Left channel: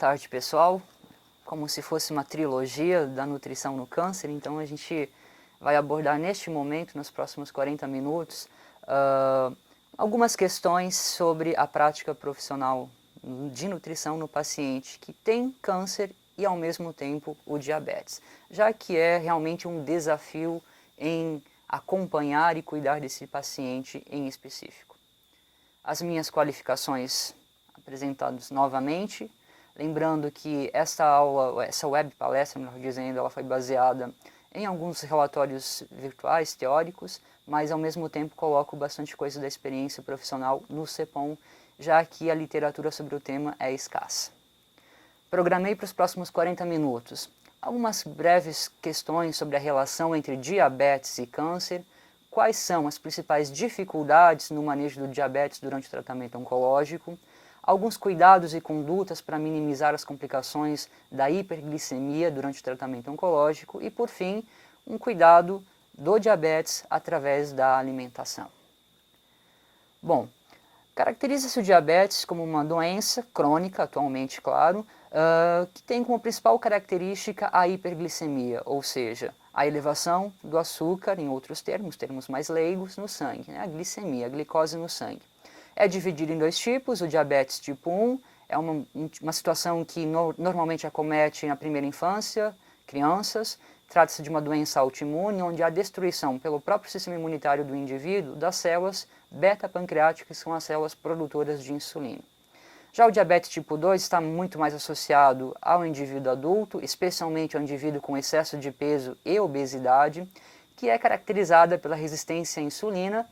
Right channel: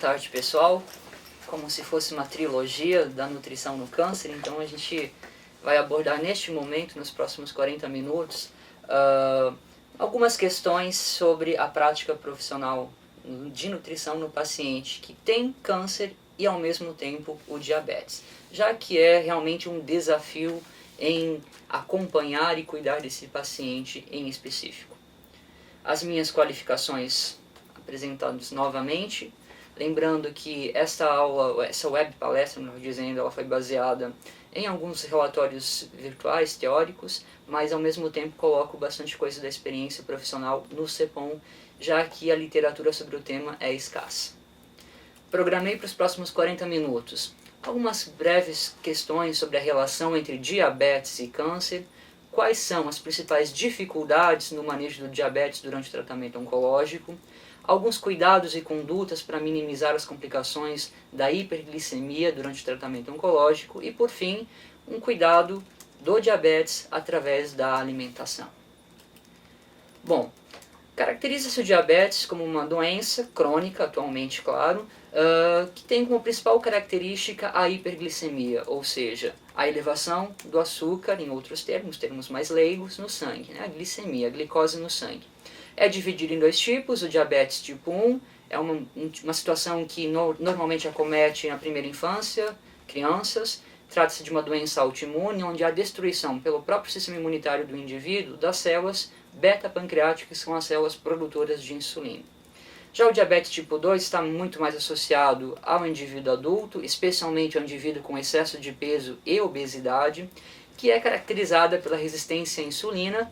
tarde, pessoal. Como se fosse uma trilogia da nutrição no câncer, então a gente vai abordar neste momento, nos próximos 40 minutos, algumas questões sobre a prática profissional de nutrição no paciente que tem câncer e ao mesmo tempo o diabetes, já que é realmente um desafio em acompanhar e cuidar desse paciente em específico. As minhas qualificações apresentadas novamente, lembrando que essa web palestra, melhor dizendo, ela foi baseada em alguns relatórios virtuais, teóricos, mas ao mesmo tempo coloco bastante coisa da experiência profissional no CEPOM, já que a literatura sobre o tema é escassa. Programei para os próximos 40 minutos algumas breves questões sobre a relação entre diabetes e câncer, quais são as principais dificuldades no manejo do diabetes durante o tratamento oncológico, alguns cuidados e condutas para minimizar as complicações da hiperglicemia durante o tratamento oncológico e, por fim, um cuidado do diabetes através da alimentação. Bom, caracteriza-se o diabetes como uma doença crônica, atualmente, claro, que tem como principal característica a hiperglicemia, ou seja, a elevação do açúcar, em outros termos mais leigos, no sangue, né? A glicemia, a glicose no sangue. É dividido em dois tipos, o diabetes tipo 1 é uma situação que normalmente acomete na primeira infância, crianças. Trata-se de uma doença autoimune, onde há destruição pelo próprio sistema imunitário do indivíduo das células beta-pancreáticas, que são as células produtoras de insulina. Já o diabetes tipo 2 está muito mais associado ao indivíduo adulto, especialmente ao indivíduo com excesso de peso e obesidade, que é caracterizada pela resistência à insulina,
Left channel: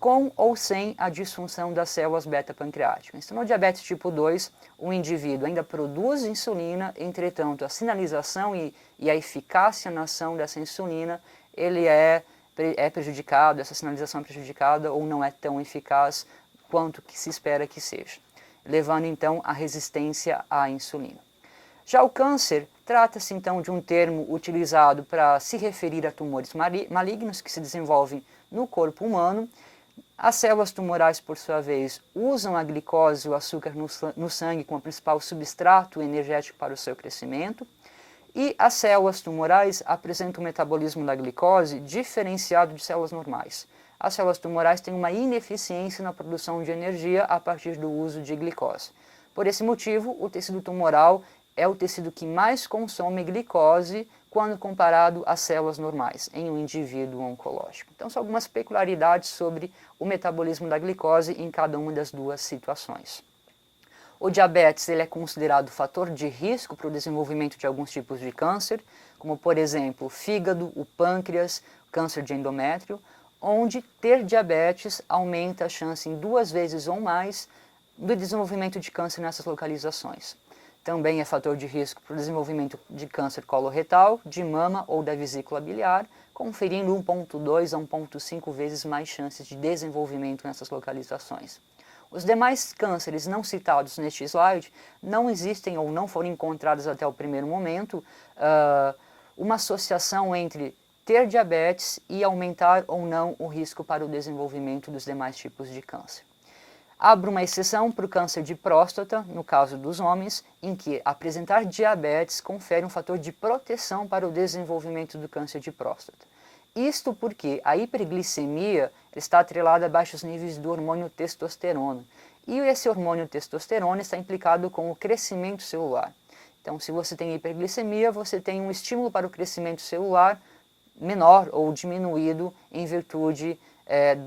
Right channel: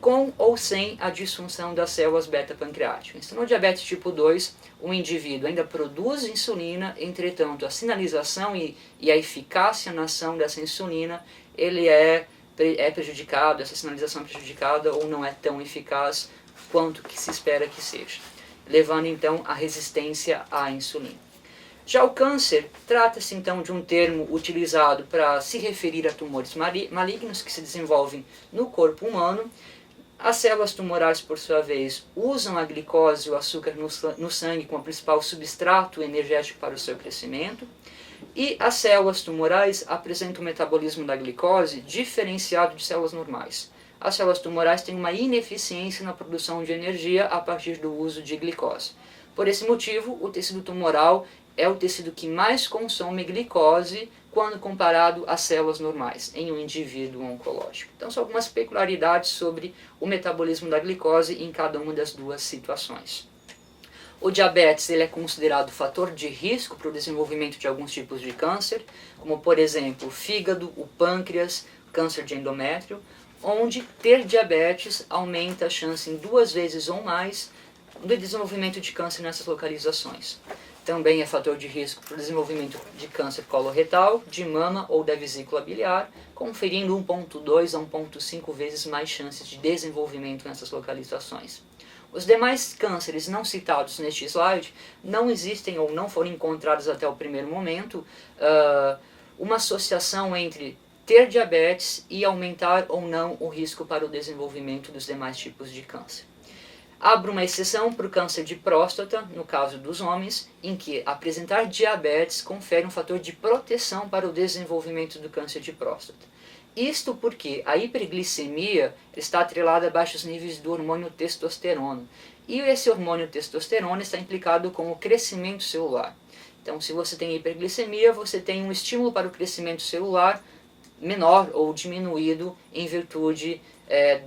com ou sem a disfunção das células beta-pancreáticas. Então, no diabetes tipo 2, o indivíduo ainda produz insulina, entretanto, a sinalização e a eficácia na ação dessa insulina, ele é prejudicado, essa sinalização é prejudicada ou não é tão eficaz quanto que se espera que seja, levando então à resistência à insulina. Já o câncer trata-se então de um termo utilizado para se referir a tumores malignos que se desenvolvem no corpo humano. As células tumorais, por sua vez, usam a glicose, o açúcar no sangue, como principal substrato energético para o seu crescimento. E as células tumorais apresentam o metabolismo da glicose diferenciado de células normais. As células tumorais têm uma ineficiência na produção de energia a partir do uso de glicose. Por esse motivo, o tecido tumoral é o tecido que mais consome glicose quando comparado às células normais em um indivíduo oncológico. Então, são algumas peculiaridades sobre o metabolismo da glicose em cada uma das duas situações. O diabetes ele é considerado fator de risco para o desenvolvimento de alguns tipos de câncer, como, por exemplo, o fígado, o pâncreas, câncer de endométrio, onde ter diabetes aumenta a chance em 2 vezes ou mais do desenvolvimento de câncer nessas localizações. Também é fator de risco para o desenvolvimento de câncer coloretal, de mama ou da vesícula biliar, conferindo 1,2 a 1,5 vezes mais chances de desenvolvimento nessas localizações. Os demais cânceres não citados neste slide não existem ou não foram encontrados até o primeiro momento uma associação entre ter diabetes e aumentar ou não o risco para o desenvolvimento dos demais tipos de câncer. Abro uma exceção para o câncer de próstata, no caso dos homens, em que apresentar diabetes confere um fator de proteção para o desenvolvimento do câncer de próstata. Isto porque a hiperglicemia está atrelada a baixos níveis do hormônio testosterona. E esse hormônio testosterona está implicado com o crescimento celular. Então, se você tem hiperglicemia, você tem um estímulo para o crescimento celular menor ou diminuído em virtude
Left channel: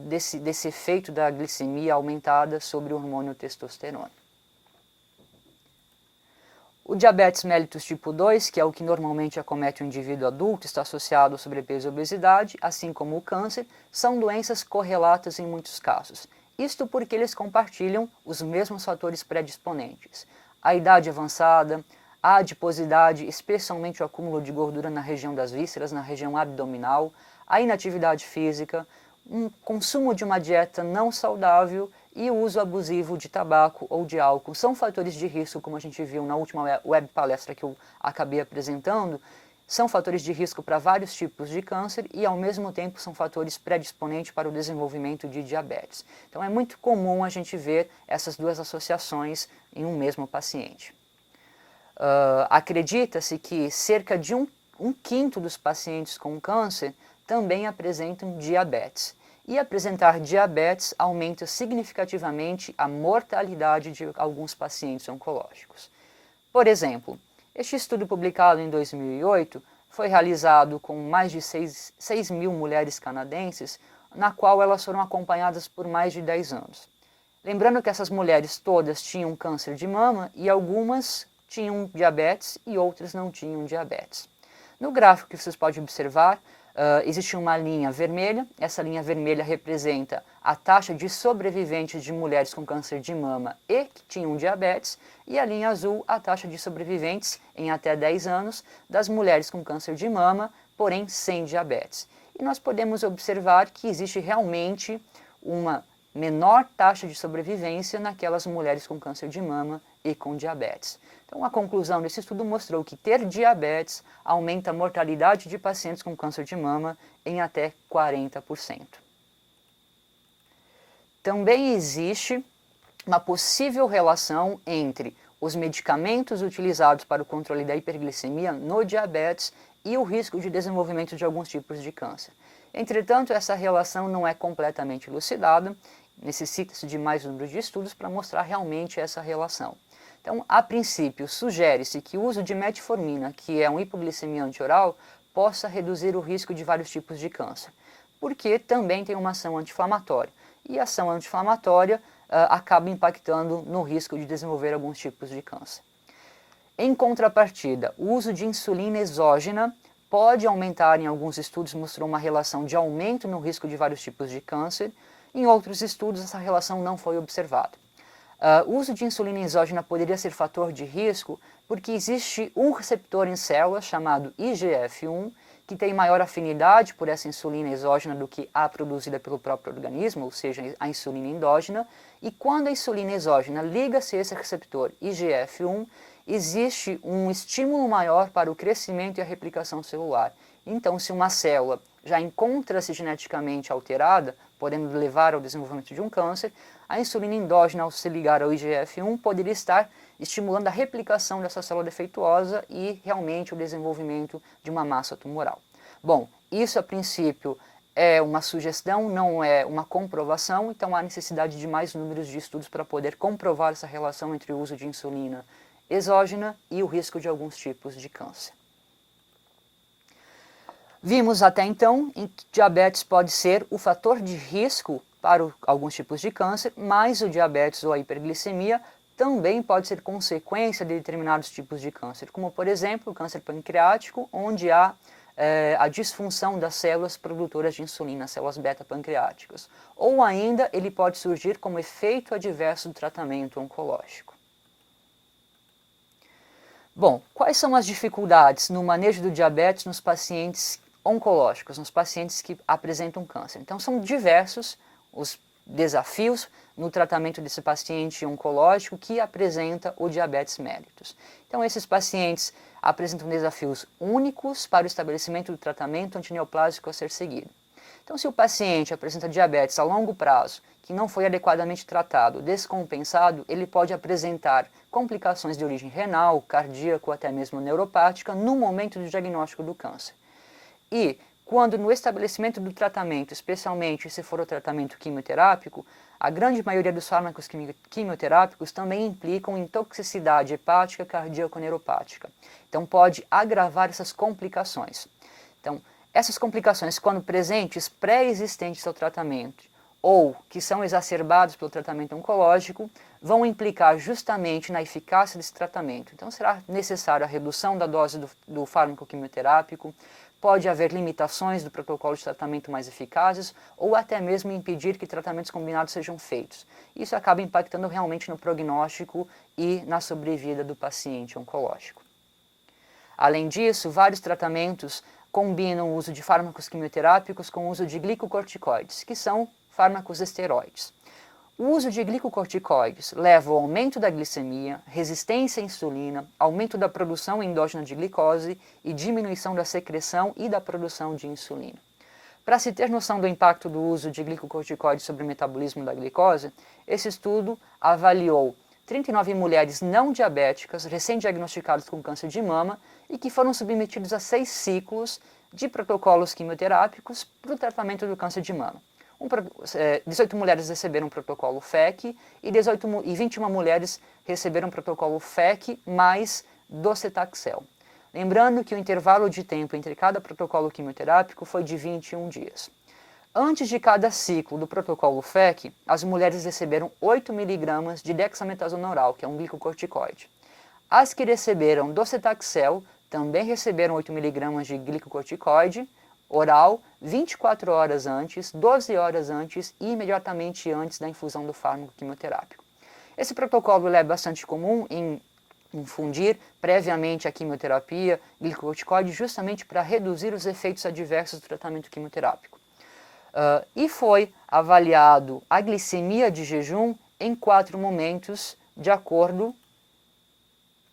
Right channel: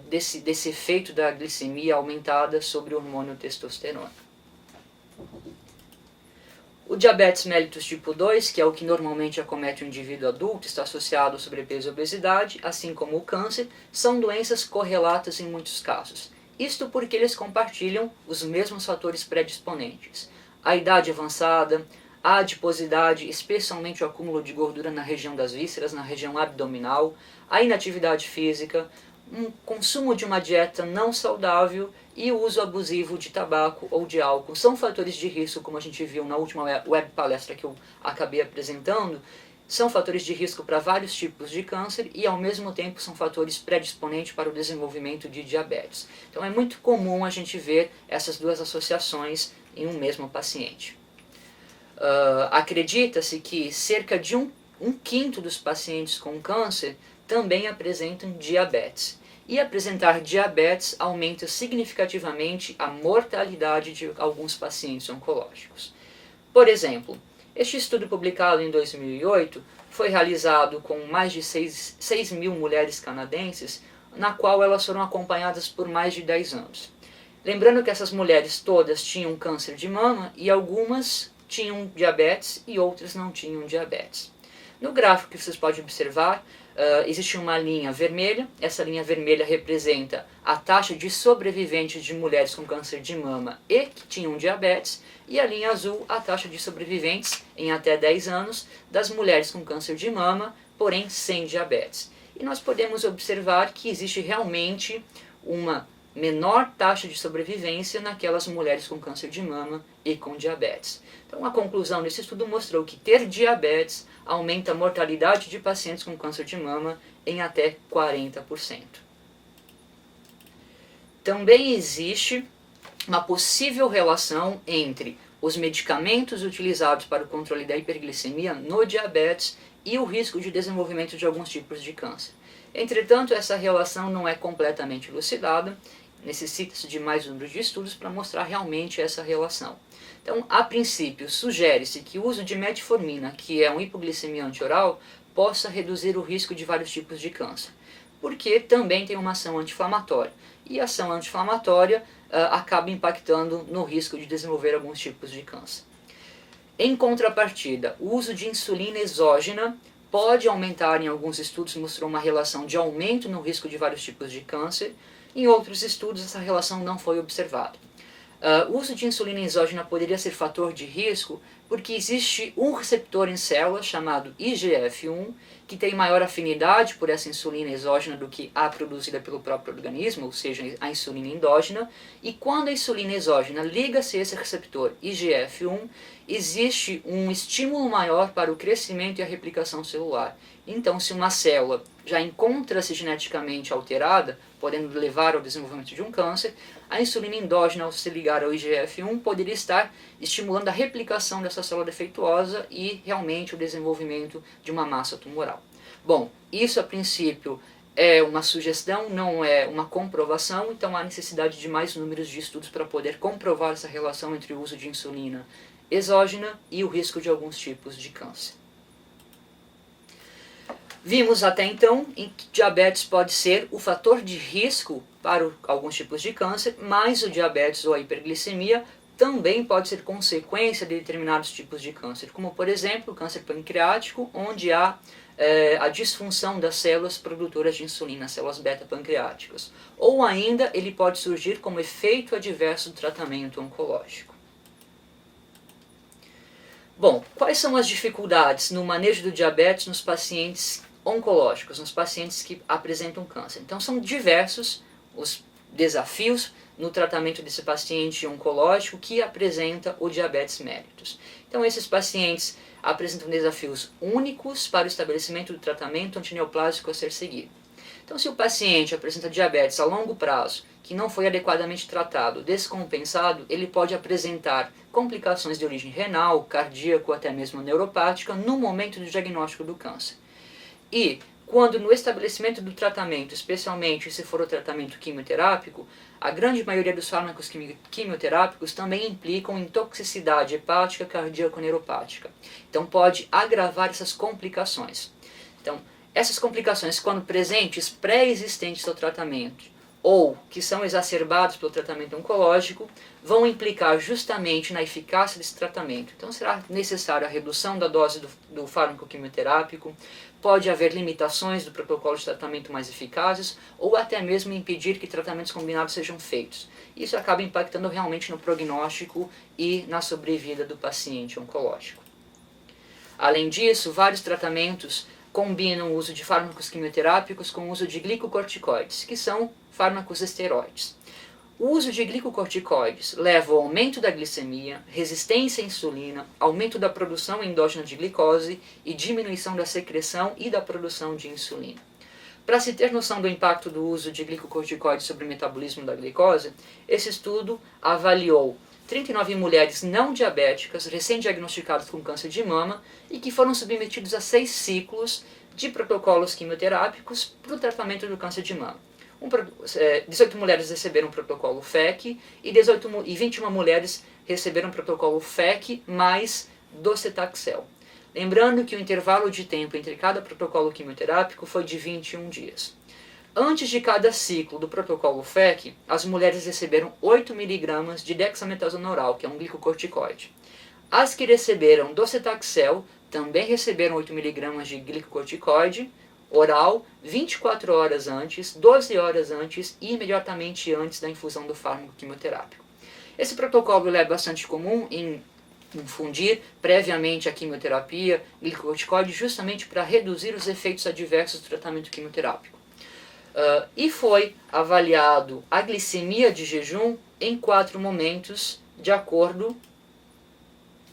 desse efeito da glicemia aumentada sobre o hormônio testosterona. O diabetes mellitus tipo 2, que é o que normalmente acomete o indivíduo adulto, está associado ao sobrepeso e obesidade, assim como o câncer, são doenças correlatas em muitos casos. Isto porque eles compartilham os mesmos fatores predisponentes. A idade avançada, a adiposidade, especialmente o acúmulo de gordura na região das vísceras, na região abdominal, a inatividade física, um consumo de uma dieta não saudável e o uso abusivo de tabaco ou de álcool são fatores de risco, como a gente viu na última web palestra que eu acabei apresentando, são fatores de risco para vários tipos de câncer e ao mesmo tempo são fatores predisponentes para o desenvolvimento de diabetes. Então é muito comum a gente ver essas duas associações em um mesmo paciente. Acredita-se que cerca de um quinto dos pacientes com câncer também apresentam diabetes. E apresentar diabetes aumenta significativamente a mortalidade de alguns pacientes oncológicos. Por exemplo, este estudo publicado em 2008 foi realizado com mais de 6 mil mulheres canadenses, na qual elas foram acompanhadas por mais de 10 anos. Lembrando que essas mulheres todas tinham câncer de mama e algumas tinham diabetes e outras não tinham diabetes. No gráfico que vocês podem observar, existe uma linha vermelha. Essa linha vermelha representa a taxa de sobreviventes de mulheres com câncer de mama e que tinham diabetes, e a linha azul, a taxa de sobreviventes em até 10 anos das mulheres com câncer de mama, porém sem diabetes. E nós podemos observar que existe realmente uma menor taxa de sobrevivência naquelas mulheres com câncer de mama e com diabetes. Então a conclusão desse estudo mostrou que ter diabetes aumenta a mortalidade de pacientes com câncer de mama em até 40%. Também existe uma possível relação entre os medicamentos utilizados para o controle da hiperglicemia no diabetes e o risco de desenvolvimento de alguns tipos de câncer. Entretanto, essa relação não é completamente elucidada, necessita-se de mais número de estudos para mostrar realmente essa relação. Então, a princípio, sugere-se que o uso de metformina, que é um hipoglicemiante oral, possa reduzir o risco de vários tipos de câncer, porque também tem uma ação anti-inflamatória. E a ação anti-inflamatória acaba impactando no risco de desenvolver alguns tipos de câncer. Em contrapartida, o uso de insulina exógena pode aumentar, em alguns estudos mostrou uma relação de aumento no risco de vários tipos de câncer. Em outros estudos, essa relação não foi observada. O uso de insulina exógena poderia ser fator de risco porque existe um receptor em células chamado IGF-1 que tem maior afinidade por essa insulina exógena do que a produzida pelo próprio organismo, ou seja, a insulina endógena, e quando a insulina exógena liga-se a esse receptor IGF-1, existe um estímulo maior para o crescimento e a replicação celular. Então, se uma célula já encontra-se geneticamente alterada, podendo levar ao desenvolvimento de um câncer, a insulina endógena, ao se ligar ao IGF-1, poderia estar estimulando a replicação dessa célula defeituosa e realmente o desenvolvimento de uma massa tumoral. Bom, isso a princípio é uma sugestão, não é uma comprovação, então há necessidade de mais números de estudos para poder comprovar essa relação entre o uso de insulina exógena e o risco de alguns tipos de câncer. Vimos até então em que diabetes pode ser o fator de risco para alguns tipos de câncer, mas o diabetes ou a hiperglicemia também pode ser consequência de determinados tipos de câncer, como por exemplo o câncer pancreático, onde há a disfunção das células produtoras de insulina, células beta-pancreáticas. Ou ainda ele pode surgir como efeito adverso do tratamento oncológico. Bom, quais são as dificuldades no manejo do diabetes nos pacientes oncológicos, nos pacientes que apresentam câncer? Então são diversos os desafios no tratamento desse paciente oncológico que apresenta o diabetes mellitus. Então esses pacientes apresentam desafios únicos para o estabelecimento do tratamento antineoplásico a ser seguido. Então se o paciente apresenta diabetes a longo prazo, que não foi adequadamente tratado, descompensado, ele pode apresentar complicações de origem renal, cardíaco, até mesmo neuropática no momento do diagnóstico do câncer. E quando no estabelecimento do tratamento, especialmente se for o tratamento quimioterápico, a grande maioria dos fármacos quimioterápicos também implicam em toxicidade hepática, cardíaco-neuropática. Então pode agravar essas complicações. Então, essas complicações, quando presentes pré-existentes ao tratamento ou que são exacerbados pelo tratamento oncológico, vão implicar justamente na eficácia desse tratamento. Então será necessária a redução da dose do fármaco quimioterápico, pode haver limitações do protocolo de tratamento mais eficazes ou até mesmo impedir que tratamentos combinados sejam feitos. Isso acaba impactando realmente no prognóstico e na sobrevida do paciente oncológico. Além disso, vários tratamentos combinam o uso de fármacos quimioterápicos com o uso de glicocorticoides, que são fármacos esteroides. O uso de glicocorticoides leva ao aumento da glicemia, resistência à insulina, aumento da produção endógena de glicose e diminuição da secreção e da produção de insulina. Para se ter noção do impacto do uso de glicocorticoides sobre o metabolismo da glicose, esse estudo avaliou 39 mulheres não diabéticas recém-diagnosticadas com câncer de mama e que foram submetidos a 6 ciclos de protocolos quimioterápicos para o tratamento do câncer de mama. 18 mulheres receberam o protocolo FEC e 21 mulheres receberam o protocolo FEC mais docetaxel. Lembrando que o intervalo de tempo entre cada protocolo quimioterápico foi de 21 dias. Antes de cada ciclo do protocolo FEC, as mulheres receberam 8 mg de dexametasona oral, que é um glicocorticoide. As que receberam docetaxel também receberam 8 mg de glicocorticoide oral 24 horas antes, 12 horas antes e imediatamente antes da infusão do fármaco quimioterápico. Esse protocolo é bastante comum em infundir previamente a quimioterapia glicocorticoide justamente para reduzir os efeitos adversos do tratamento quimioterápico. E foi avaliado a glicemia de jejum em 4 momentos, de acordo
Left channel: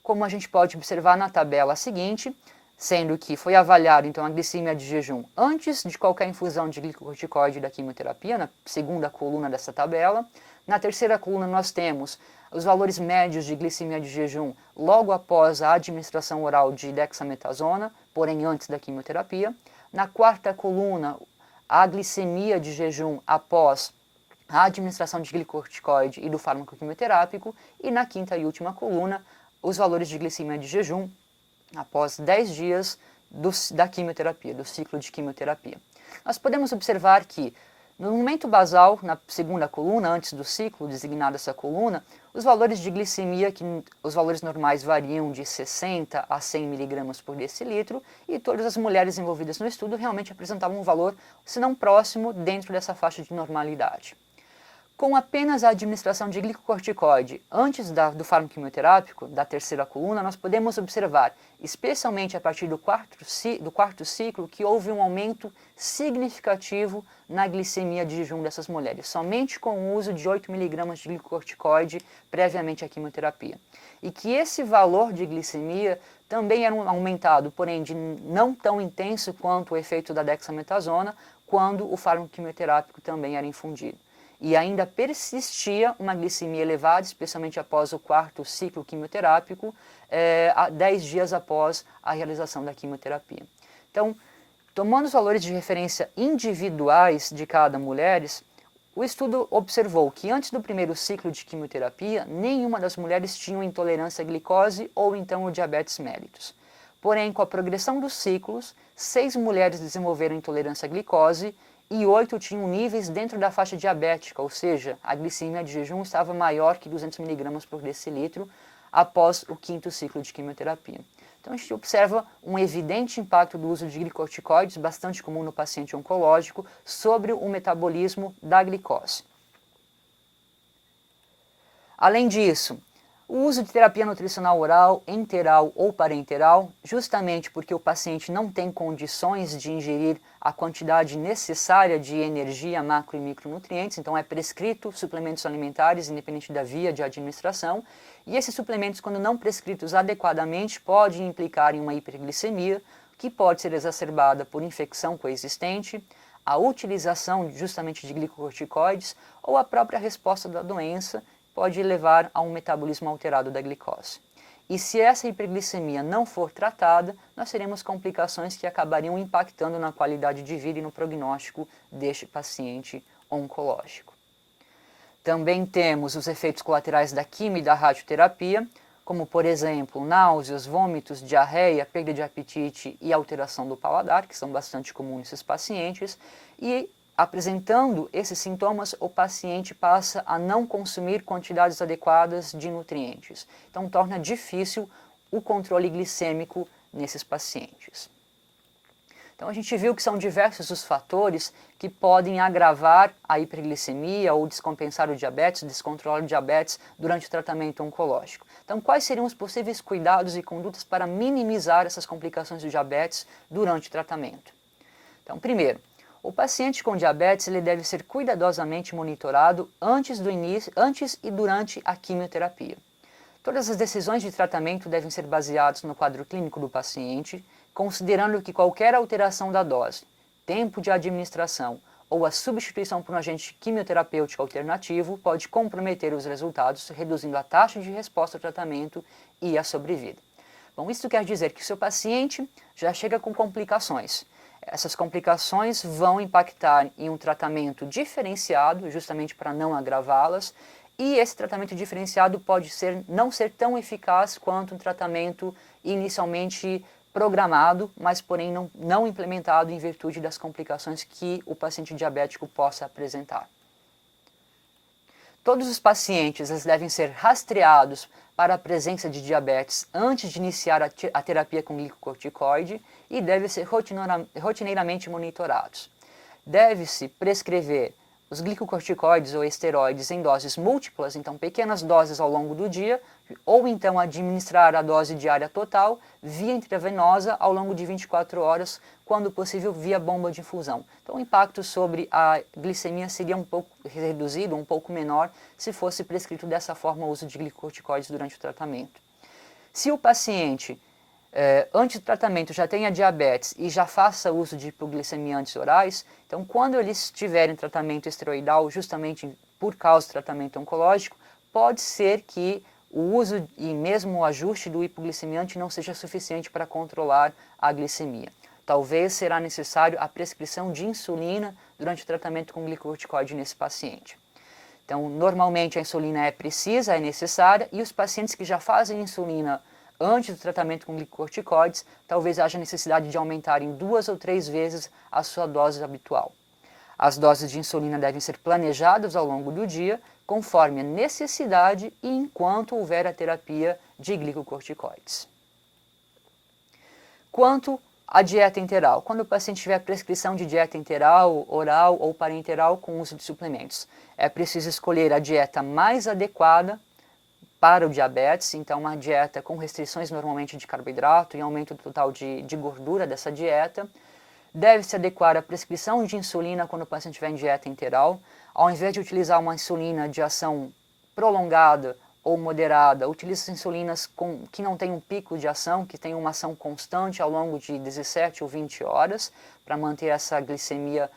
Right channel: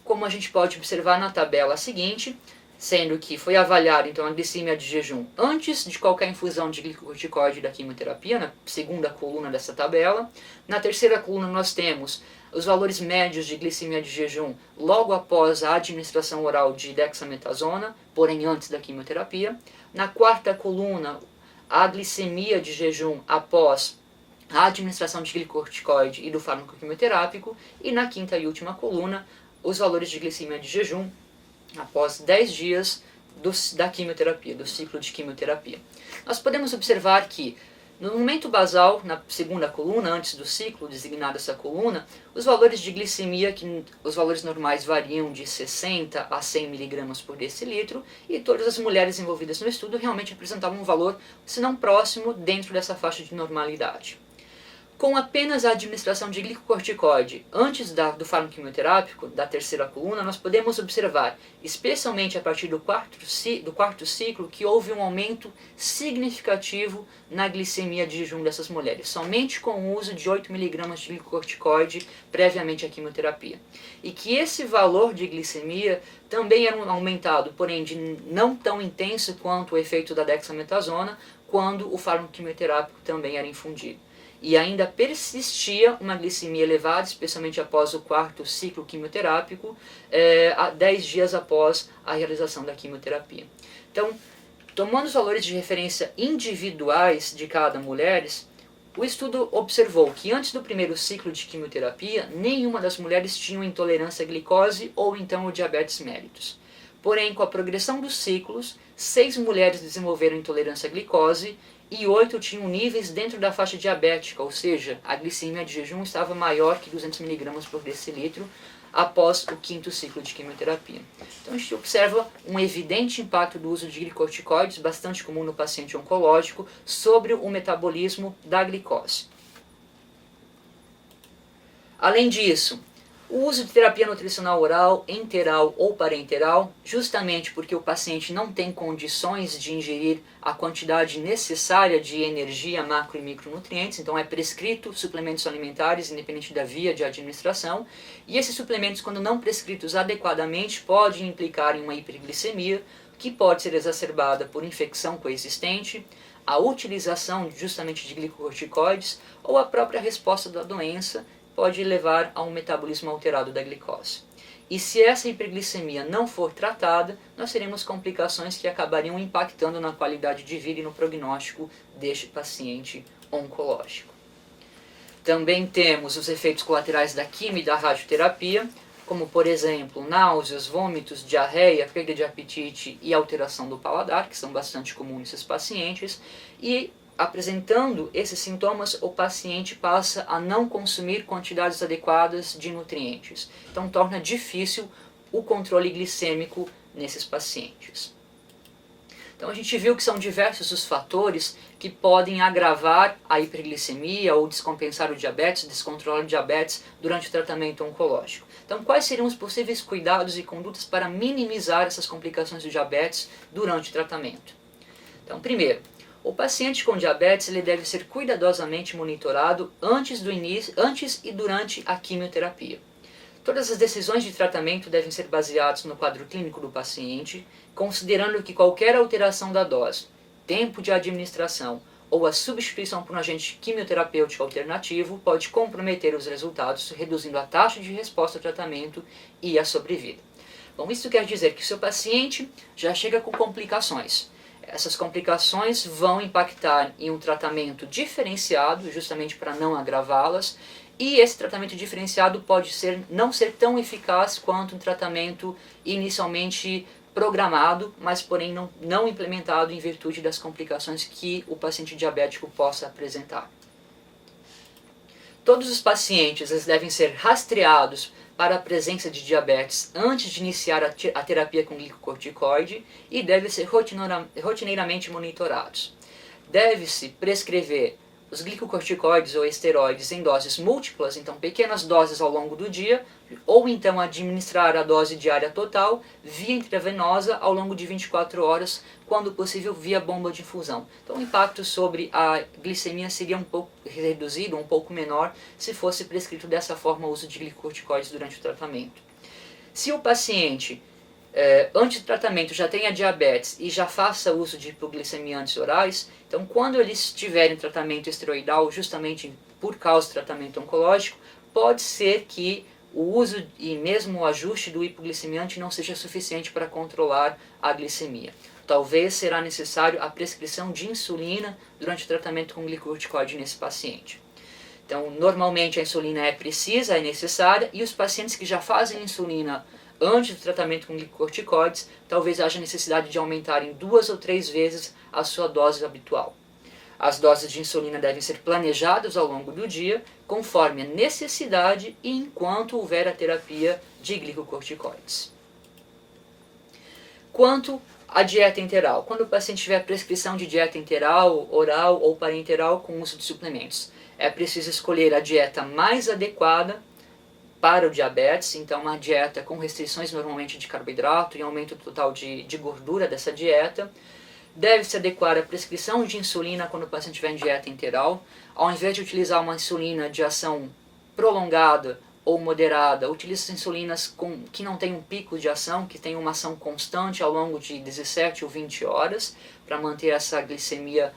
como a gente pode observar na tabela seguinte, sendo que foi avaliado então a glicemia de jejum antes de qualquer infusão de glicocorticoide da quimioterapia, na segunda coluna dessa tabela. Na terceira coluna nós temos os valores médios de glicemia de jejum logo após a administração oral de dexametasona, porém antes da quimioterapia. Na quarta coluna, a glicemia de jejum após a administração de glicocorticoide e do fármaco quimioterápico. E na quinta e última coluna, os valores de glicemia de jejum após 10 dias da quimioterapia, do ciclo de quimioterapia. Nós podemos observar que no momento basal, na segunda coluna, antes do ciclo, designado essa coluna, os valores de glicemia, os valores normais variam de 60 a 100 mg por decilitro, e todas as mulheres envolvidas no estudo realmente apresentavam um valor, se não próximo, dentro dessa faixa de normalidade. Com apenas a administração de glicocorticoide antes do fármaco quimioterápico, da terceira coluna, nós podemos observar, especialmente a partir do quarto ciclo, que houve um aumento significativo na glicemia de jejum dessas mulheres, somente com o uso de 8 mg de glicocorticoide previamente à quimioterapia. E que esse valor de glicemia também era aumentado, porém de não tão intenso quanto o efeito da dexametasona, quando o fármaco quimioterápico também era infundido. E ainda persistia uma glicemia elevada, especialmente após o quarto ciclo quimioterápico, 10 dias após a realização da quimioterapia. Então, tomando os valores de referência individuais de cada mulher, o estudo observou que antes do primeiro ciclo de quimioterapia, nenhuma das mulheres tinha intolerância à glicose ou então o diabetes mellitus. Porém, com a progressão dos ciclos, 6 mulheres desenvolveram intolerância à glicose e 8 tinham níveis dentro da faixa diabética, ou seja, a glicemia de jejum estava maior que 200 mg por decilitro após o quinto ciclo de quimioterapia. Então a gente observa um evidente impacto do uso de glicocorticoides, bastante comum no paciente oncológico, sobre o metabolismo da glicose. Além disso, o uso de terapia nutricional oral, enteral ou parenteral, justamente porque o paciente não tem condições de ingerir a quantidade necessária de energia, macro e micronutrientes, então é prescrito suplementos alimentares, independente da via de administração, e esses suplementos, quando não prescritos adequadamente, podem implicar em uma hiperglicemia, que pode ser exacerbada por infecção coexistente, a utilização justamente de glicocorticoides ou a própria resposta da doença, pode levar a um metabolismo alterado da glicose. E se essa hiperglicemia não for tratada, nós teremos complicações que acabariam impactando na qualidade de vida e no prognóstico deste paciente oncológico. Também temos os efeitos colaterais da quimio e da radioterapia, como por exemplo náuseas, vômitos, diarreia, perda de apetite e alteração do paladar, que são bastante comuns nesses pacientes, e apresentando esses sintomas, o paciente passa a não consumir quantidades adequadas de nutrientes. Então torna difícil o controle glicêmico nesses pacientes. Então a gente viu que são diversos os fatores que podem agravar a hiperglicemia ou descompensar o diabetes, descontrolar o diabetes durante o tratamento oncológico. Então quais seriam os possíveis cuidados e condutas para minimizar essas complicações do diabetes durante o tratamento? Então primeiro, o paciente com diabetes ele deve ser cuidadosamente monitorado antes e durante a quimioterapia. Todas as decisões de tratamento devem ser baseadas no quadro clínico do paciente, considerando que qualquer alteração da dose, tempo de administração ou a substituição por um agente quimioterapêutico alternativo pode comprometer os resultados, reduzindo a taxa de resposta ao tratamento e a sobrevida. Bom, isso quer dizer que o seu paciente já chega com complicações. Essas complicações vão impactar em um tratamento diferenciado, justamente para não agravá-las, e esse tratamento diferenciado pode não ser tão eficaz quanto um tratamento inicialmente programado, mas porém não implementado em virtude das complicações que o paciente diabético possa apresentar. Todos os pacientes devem ser rastreados para a presença de diabetes antes de iniciar a terapia com glicocorticoide e devem ser rotineiramente monitorados. Deve-se prescrever os glicocorticoides ou esteroides em doses múltiplas, então pequenas doses ao longo do dia, ou então administrar a dose diária total via intravenosa ao longo de 24 horas, quando possível via bomba de infusão. Então o impacto sobre a glicemia seria um pouco reduzido, um pouco menor, se fosse prescrito dessa forma o uso de glicocorticoides durante o tratamento. Se o paciente antes do tratamento já tenha diabetes e já faça uso de hipoglicemiantes orais, então quando eles estiverem em tratamento esteroidal, justamente por causa do tratamento oncológico, pode ser que o uso e mesmo o ajuste do hipoglicemiante não seja suficiente para controlar a glicemia. Talvez será necessário a prescrição de insulina durante o tratamento com glicocorticoide nesse paciente. Então, normalmente a insulina é precisa, é necessária, e os pacientes que já fazem insulina antes do tratamento com glicocorticoides, talvez haja necessidade de aumentar em 2 ou 3 vezes a sua dose habitual. As doses de insulina devem ser planejadas ao longo do dia, conforme a necessidade e enquanto houver a terapia de glicocorticoides. Quanto à dieta enteral, quando o paciente tiver prescrição de dieta enteral, oral ou parenteral com uso de suplementos, é preciso escolher a dieta mais adequada para o diabetes, então uma dieta com restrições normalmente de carboidrato e aumento total de gordura dessa dieta. Deve-se adequar a prescrição de insulina quando o paciente estiver em dieta enteral. Ao invés de utilizar uma insulina de ação prolongada ou moderada, utilize insulinas que não têm um pico de ação, que tem uma ação constante ao longo de 17 ou 20 horas, para manter essa glicemia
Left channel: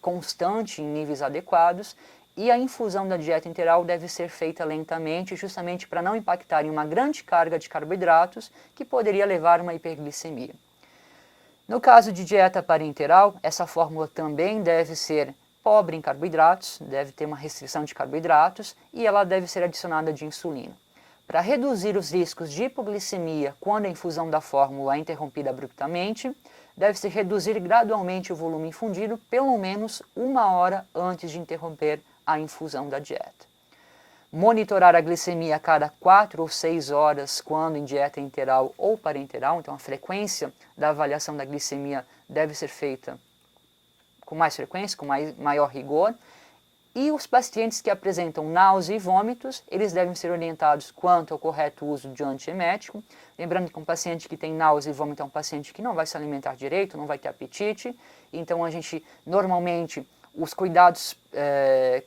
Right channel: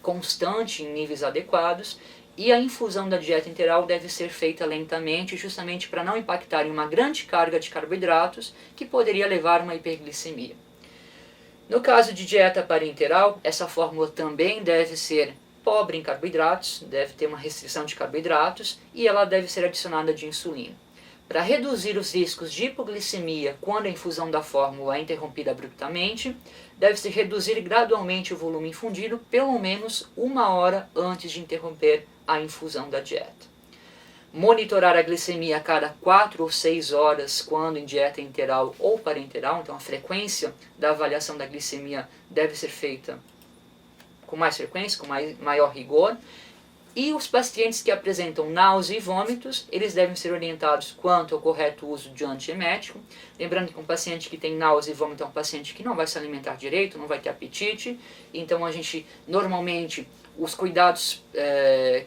constante em níveis adequados. E a infusão da dieta enteral deve ser feita lentamente, justamente para não impactar em uma grande carga de carboidratos que poderia levar a uma hiperglicemia. No caso de dieta parenteral, essa fórmula também deve ser pobre em carboidratos, deve ter uma restrição de carboidratos e ela deve ser adicionada de insulina. Para reduzir os riscos de hipoglicemia quando a infusão da fórmula é interrompida abruptamente, deve-se reduzir gradualmente o volume infundido pelo menos 1 hora antes de interromper a infusão da dieta. Monitorar a glicemia a cada 4 ou 6 horas quando em dieta enteral ou parenteral, então a frequência da avaliação da glicemia deve ser feita com mais frequência, com maior rigor. E os pacientes que apresentam náusea e vômitos, eles devem ser orientados quanto ao correto uso de antiemético. Lembrando que um paciente que tem náusea e vômito é um paciente que não vai se alimentar direito, não vai ter apetite. Então a gente, normalmente, os cuidados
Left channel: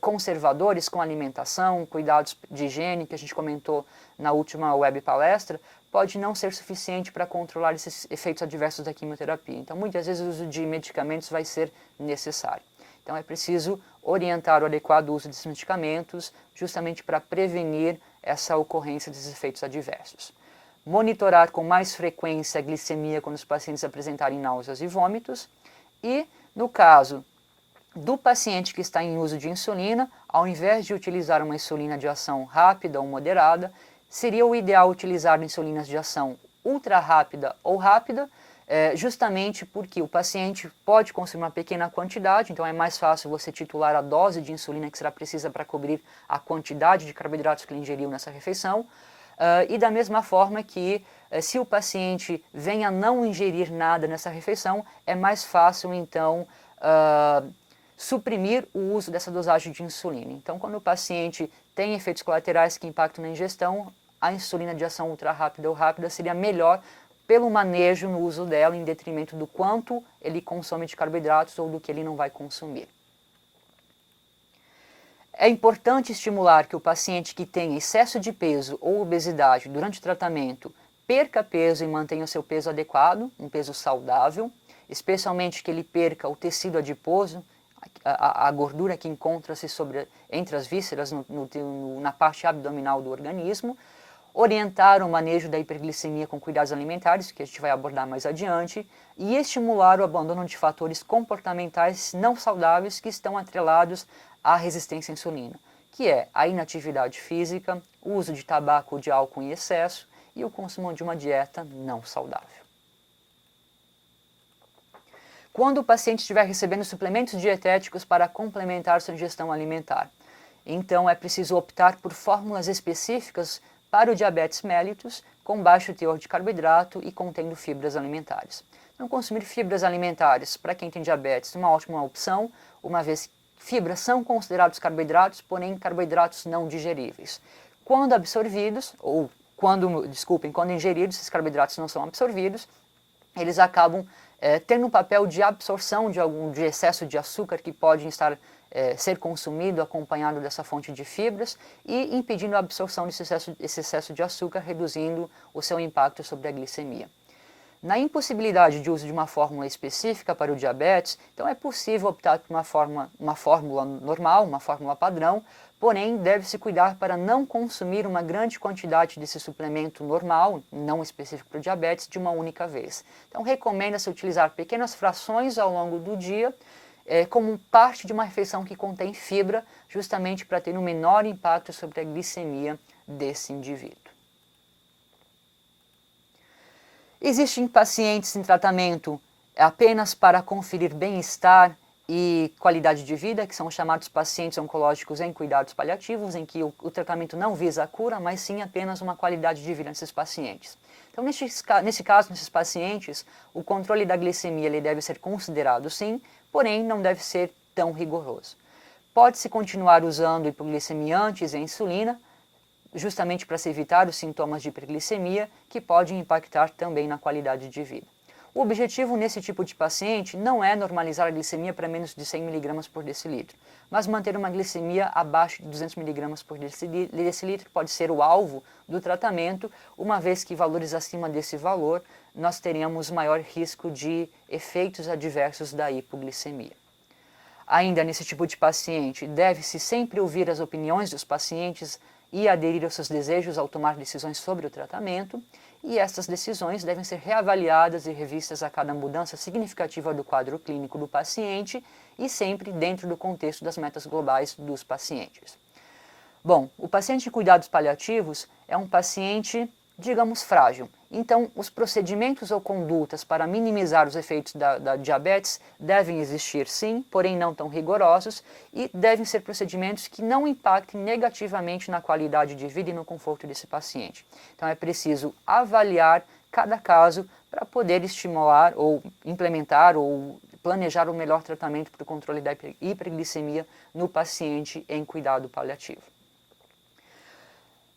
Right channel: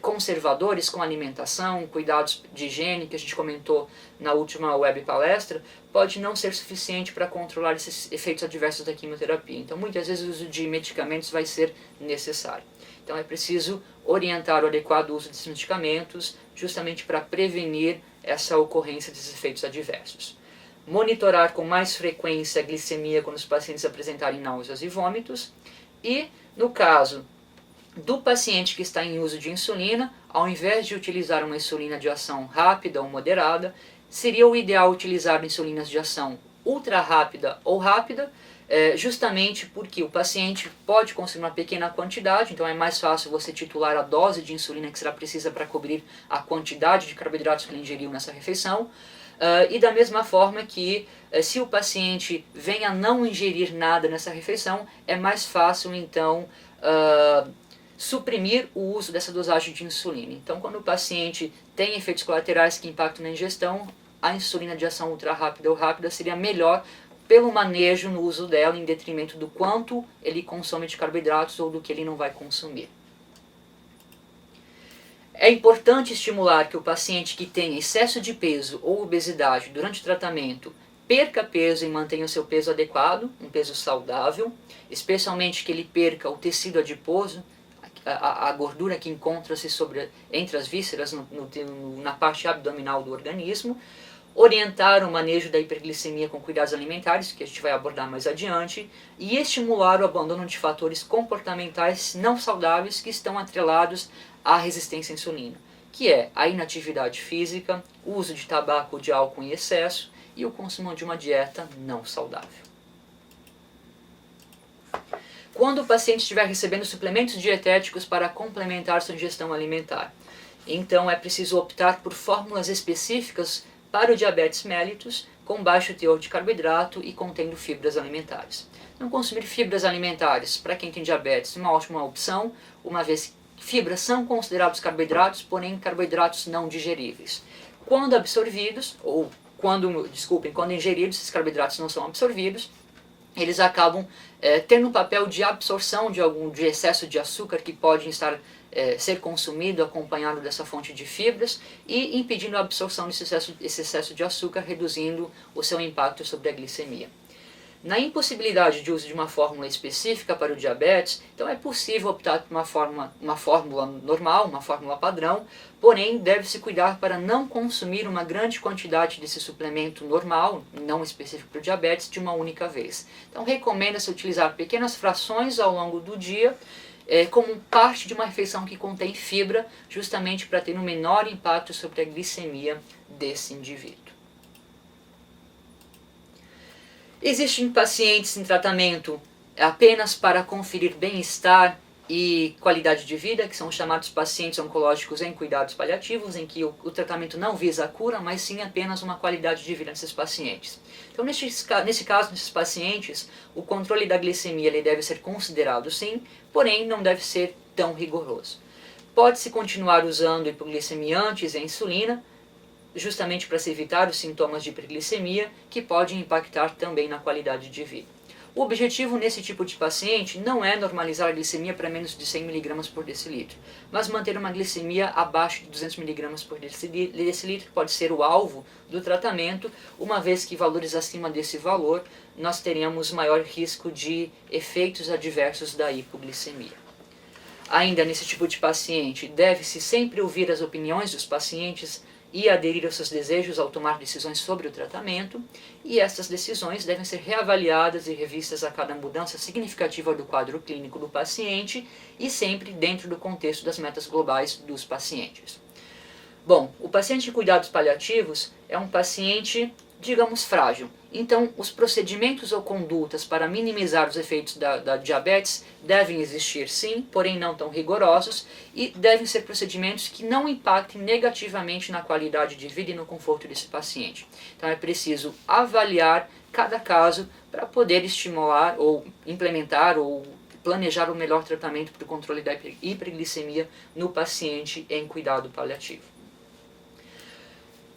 conservadores com a alimentação, cuidados de higiene que a gente comentou na última web palestra, pode não ser suficiente para controlar esses efeitos adversos da quimioterapia. Então muitas vezes o uso de medicamentos vai ser necessário. Então é preciso orientar o adequado uso desses medicamentos justamente para prevenir essa ocorrência desses efeitos adversos. Monitorar com mais frequência a glicemia quando os pacientes apresentarem náuseas e vômitos. E, no caso do paciente que está em uso de insulina, ao invés de utilizar uma insulina de ação rápida ou moderada, seria o ideal utilizar insulinas de ação ultra rápida ou rápida, justamente porque o paciente pode consumir uma pequena quantidade, então é mais fácil você titular a dose de insulina que será precisa para cobrir a quantidade de carboidratos que ele ingeriu nessa refeição. E da mesma forma que se o paciente venha a não ingerir nada nessa refeição, é mais fácil então suprimir o uso dessa dosagem de insulina. Então, quando o paciente tem efeitos colaterais que impactam na ingestão, a insulina de ação ultra rápida ou rápida seria melhor pelo manejo no uso dela, em detrimento do quanto ele consome de carboidratos ou do que ele não vai consumir. É importante estimular que o paciente que tem excesso de peso ou obesidade durante o tratamento perca peso e mantenha o seu peso adequado, um peso saudável, especialmente que ele perca o tecido adiposo, a gordura que encontra-se entre as vísceras na parte abdominal do organismo, orientar o manejo da hiperglicemia com cuidados alimentares, que a gente vai abordar mais adiante, e estimular o abandono de fatores comportamentais não saudáveis que estão atrelados à resistência à insulina, que é a inatividade física, o uso de tabaco ou de álcool em excesso e o consumo de uma dieta não saudável. Quando o paciente estiver recebendo suplementos dietéticos para complementar sua ingestão alimentar, então é preciso optar por fórmulas específicas para o diabetes mellitus com baixo teor de carboidrato e contendo fibras alimentares. Então, consumir fibras alimentares para quem tem diabetes é uma ótima opção, uma vez que fibras são considerados carboidratos, porém carboidratos não digeríveis. Quando absorvidos, quando ingeridos, esses carboidratos não são absorvidos, eles acabam tendo um papel de absorção de excesso de açúcar que pode ser consumido acompanhado dessa fonte de fibras e impedindo a absorção desse excesso de açúcar, reduzindo o seu impacto sobre a glicemia. Na impossibilidade de uso de uma fórmula específica para o diabetes, então é possível optar por uma fórmula normal, uma fórmula padrão, porém deve-se cuidar para não consumir uma grande quantidade desse suplemento normal, não específico para o diabetes, de uma única vez. Então recomenda-se utilizar pequenas frações ao longo do dia, como parte de uma refeição que contém fibra, justamente para ter um menor impacto sobre a glicemia desse indivíduo. Existem pacientes em tratamento apenas para conferir bem-estar e qualidade de vida, que são chamados pacientes oncológicos em cuidados paliativos, em que o tratamento não visa a cura, mas sim apenas uma qualidade de vida desses pacientes. Então, nesse caso, nesses pacientes, o controle da glicemia ele deve ser considerado sim, porém não deve ser tão rigoroso. Pode-se continuar usando hipoglicemiantes e a insulina, justamente para se evitar os sintomas de hiperglicemia, que podem impactar também na qualidade de vida. O objetivo nesse tipo de paciente não é normalizar a glicemia para menos de 100 mg por decilitro, mas manter uma glicemia abaixo de 200 mg por decilitro pode ser o alvo do tratamento, uma vez que valores acima desse valor nós teremos maior risco de efeitos adversos da hipoglicemia. Ainda nesse tipo de paciente, deve-se sempre ouvir as opiniões dos pacientes e aderir aos seus desejos ao tomar decisões sobre o tratamento, e essas decisões devem ser reavaliadas e revistas a cada mudança significativa do quadro clínico do paciente e sempre dentro do contexto das metas globais dos pacientes. Bom, o paciente de cuidados paliativos é um paciente, digamos, frágil. Então, os procedimentos ou condutas para minimizar os efeitos da diabetes devem existir sim, porém não tão rigorosos, e devem ser procedimentos que não impactem negativamente na qualidade de vida e no conforto desse paciente. Então, é preciso avaliar cada caso para poder estimular ou implementar ou planejar o melhor tratamento para o controle da hiperglicemia no paciente em cuidado paliativo.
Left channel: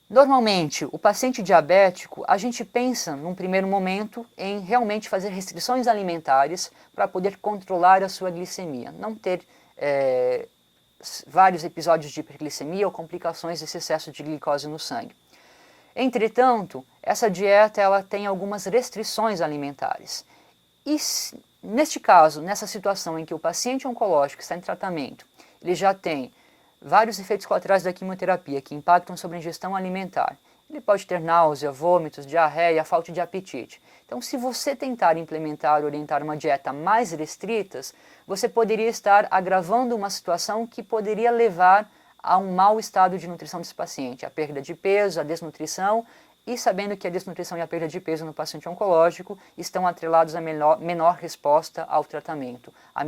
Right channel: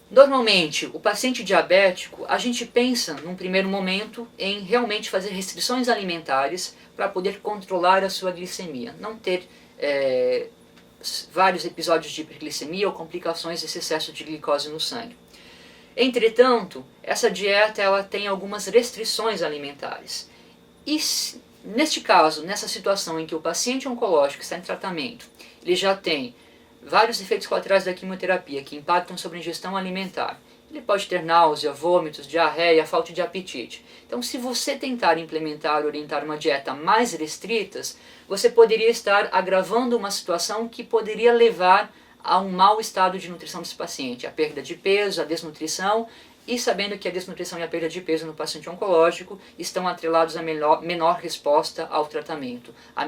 Normalmente, o paciente diabético, a gente pensa, num primeiro momento, em realmente fazer restrições alimentares para poder controlar a sua glicemia, não ter vários episódios de hiperglicemia ou complicações desse excesso de glicose no sangue. Entretanto, essa dieta ela tem algumas restrições alimentares. E neste caso, nessa situação em que o paciente oncológico está em tratamento, ele já tem vários efeitos colaterais da quimioterapia que impactam sobre a ingestão alimentar. Ele pode ter náusea, vômitos, diarreia, falta de apetite. Então, se você tentar implementar ou orientar uma dieta mais restrita, você poderia estar agravando uma situação que poderia levar a um mau estado de nutrição desse paciente, a perda de peso, a desnutrição, e sabendo que a desnutrição e a perda de peso no paciente oncológico estão atrelados a menor resposta ao tratamento, a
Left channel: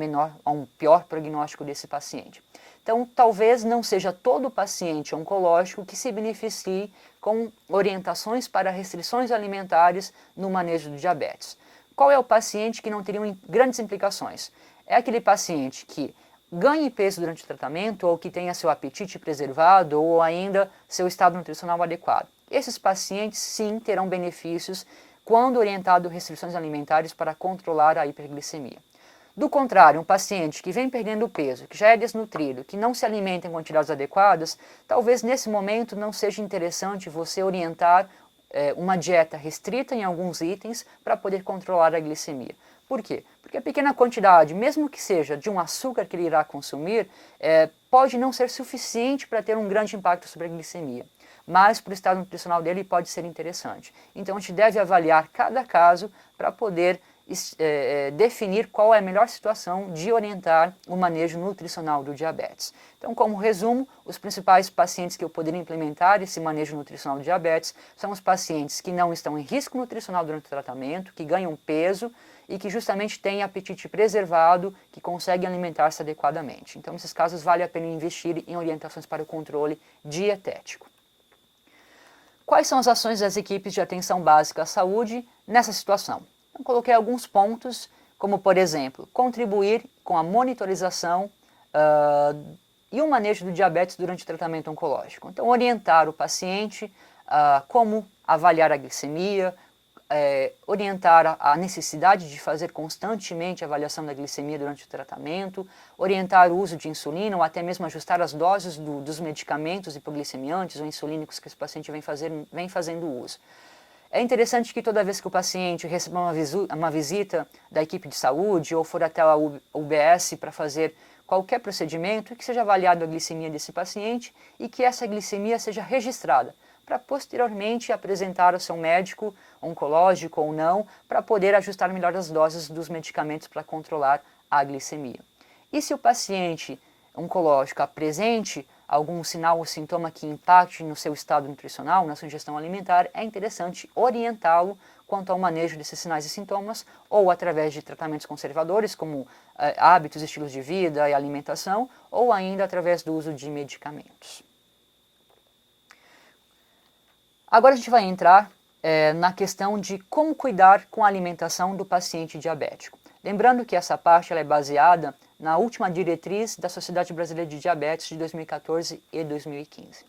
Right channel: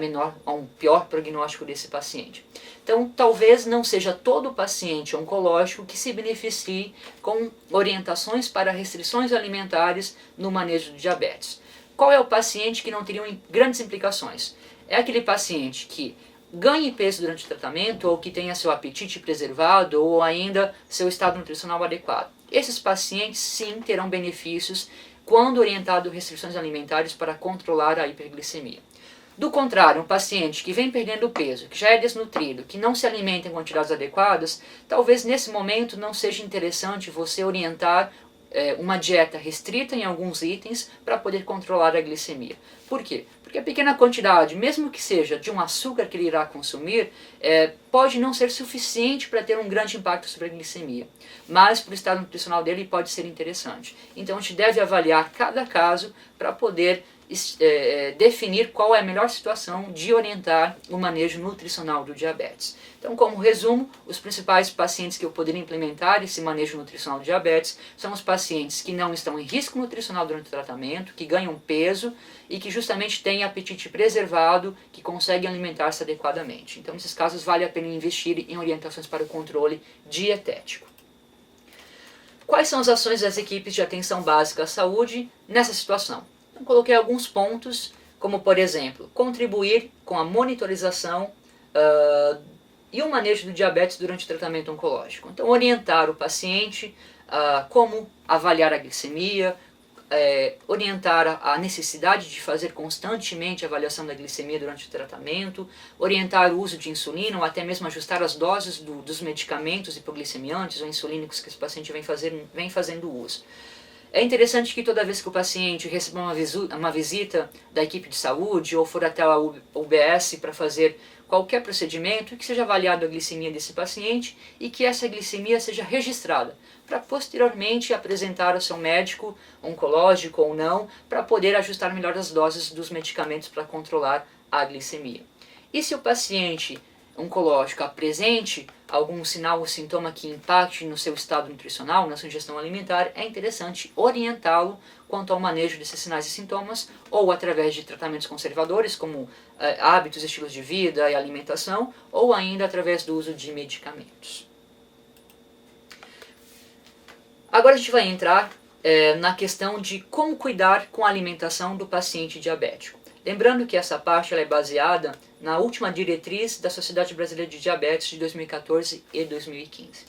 um pior prognóstico desse paciente. Então, talvez não seja todo paciente oncológico que se beneficie com orientações para restrições alimentares no manejo do diabetes. Qual é o paciente que não teria grandes implicações? É aquele paciente que ganhe peso durante o tratamento ou que tenha seu apetite preservado ou ainda seu estado nutricional adequado. Esses pacientes sim terão benefícios quando orientado a restrições alimentares para controlar a hiperglicemia. Do contrário, um paciente que vem perdendo peso, que já é desnutrido, que não se alimenta em quantidades adequadas, talvez nesse momento não seja interessante você orientar uma dieta restrita em alguns itens para poder controlar a glicemia. Por quê? Porque a pequena quantidade, mesmo que seja de um açúcar que ele irá consumir, pode não ser suficiente para ter um grande impacto sobre a glicemia. Mas para o estado nutricional dele pode ser interessante. Então a gente deve avaliar cada caso para poder definir qual é a melhor situação de orientar o manejo nutricional do diabetes. Então, como resumo, os principais pacientes que eu poderia implementar esse manejo nutricional do diabetes são os pacientes que não estão em risco nutricional durante o tratamento, que ganham peso e que justamente têm apetite preservado, que conseguem alimentar-se adequadamente. Então, nesses casos, vale a pena investir em orientações para o controle dietético. Quais são as ações das equipes de atenção básica à saúde nessa situação? Eu coloquei alguns pontos, como por exemplo, contribuir com a monitorização e o manejo do diabetes durante o tratamento oncológico. Então, orientar o paciente como avaliar a glicemia, orientar a necessidade de fazer constantemente a avaliação da glicemia durante o tratamento, orientar o uso de insulina ou até mesmo ajustar as doses dos medicamentos hipoglicemiantes ou insulínicos que esse paciente vem fazendo uso. É interessante que toda vez que o paciente receba uma visita da equipe de saúde ou for até a UBS para fazer qualquer procedimento, que seja avaliada a glicemia desse paciente e que essa glicemia seja registrada, para posteriormente apresentar ao seu médico, oncológico ou não, para poder ajustar melhor as doses dos medicamentos para controlar a glicemia. E se o paciente oncológico apresente algum sinal ou sintoma que impacte no seu estado nutricional, na sua ingestão alimentar, é interessante orientá-lo quanto ao manejo desses sinais e sintomas, ou através de tratamentos conservadores, como hábitos, estilos de vida e alimentação, ou ainda através do uso de medicamentos. Agora a gente vai entrar na questão de como cuidar com a alimentação do paciente diabético. Lembrando que essa parte ela é baseada na última diretriz da Sociedade Brasileira de Diabetes de 2014 e 2015.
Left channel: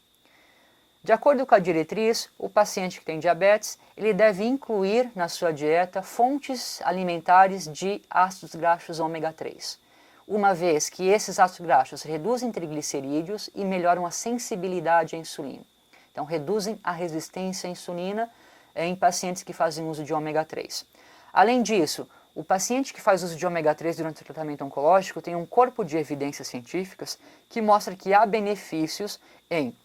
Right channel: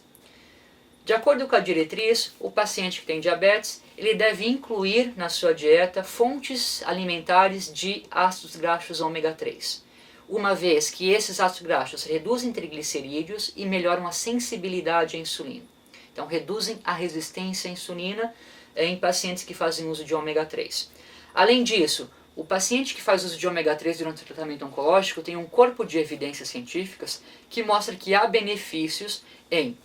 De acordo com a diretriz, o paciente que tem diabetes, ele deve incluir na sua dieta fontes alimentares de ácidos graxos ômega 3, uma vez que esses ácidos graxos reduzem triglicerídeos e melhoram a sensibilidade à insulina. Então, reduzem a resistência à insulina em pacientes que fazem uso de ômega 3. Além disso, o paciente que faz uso de ômega 3 durante o tratamento oncológico tem um corpo de evidências científicas que mostra que há benefícios em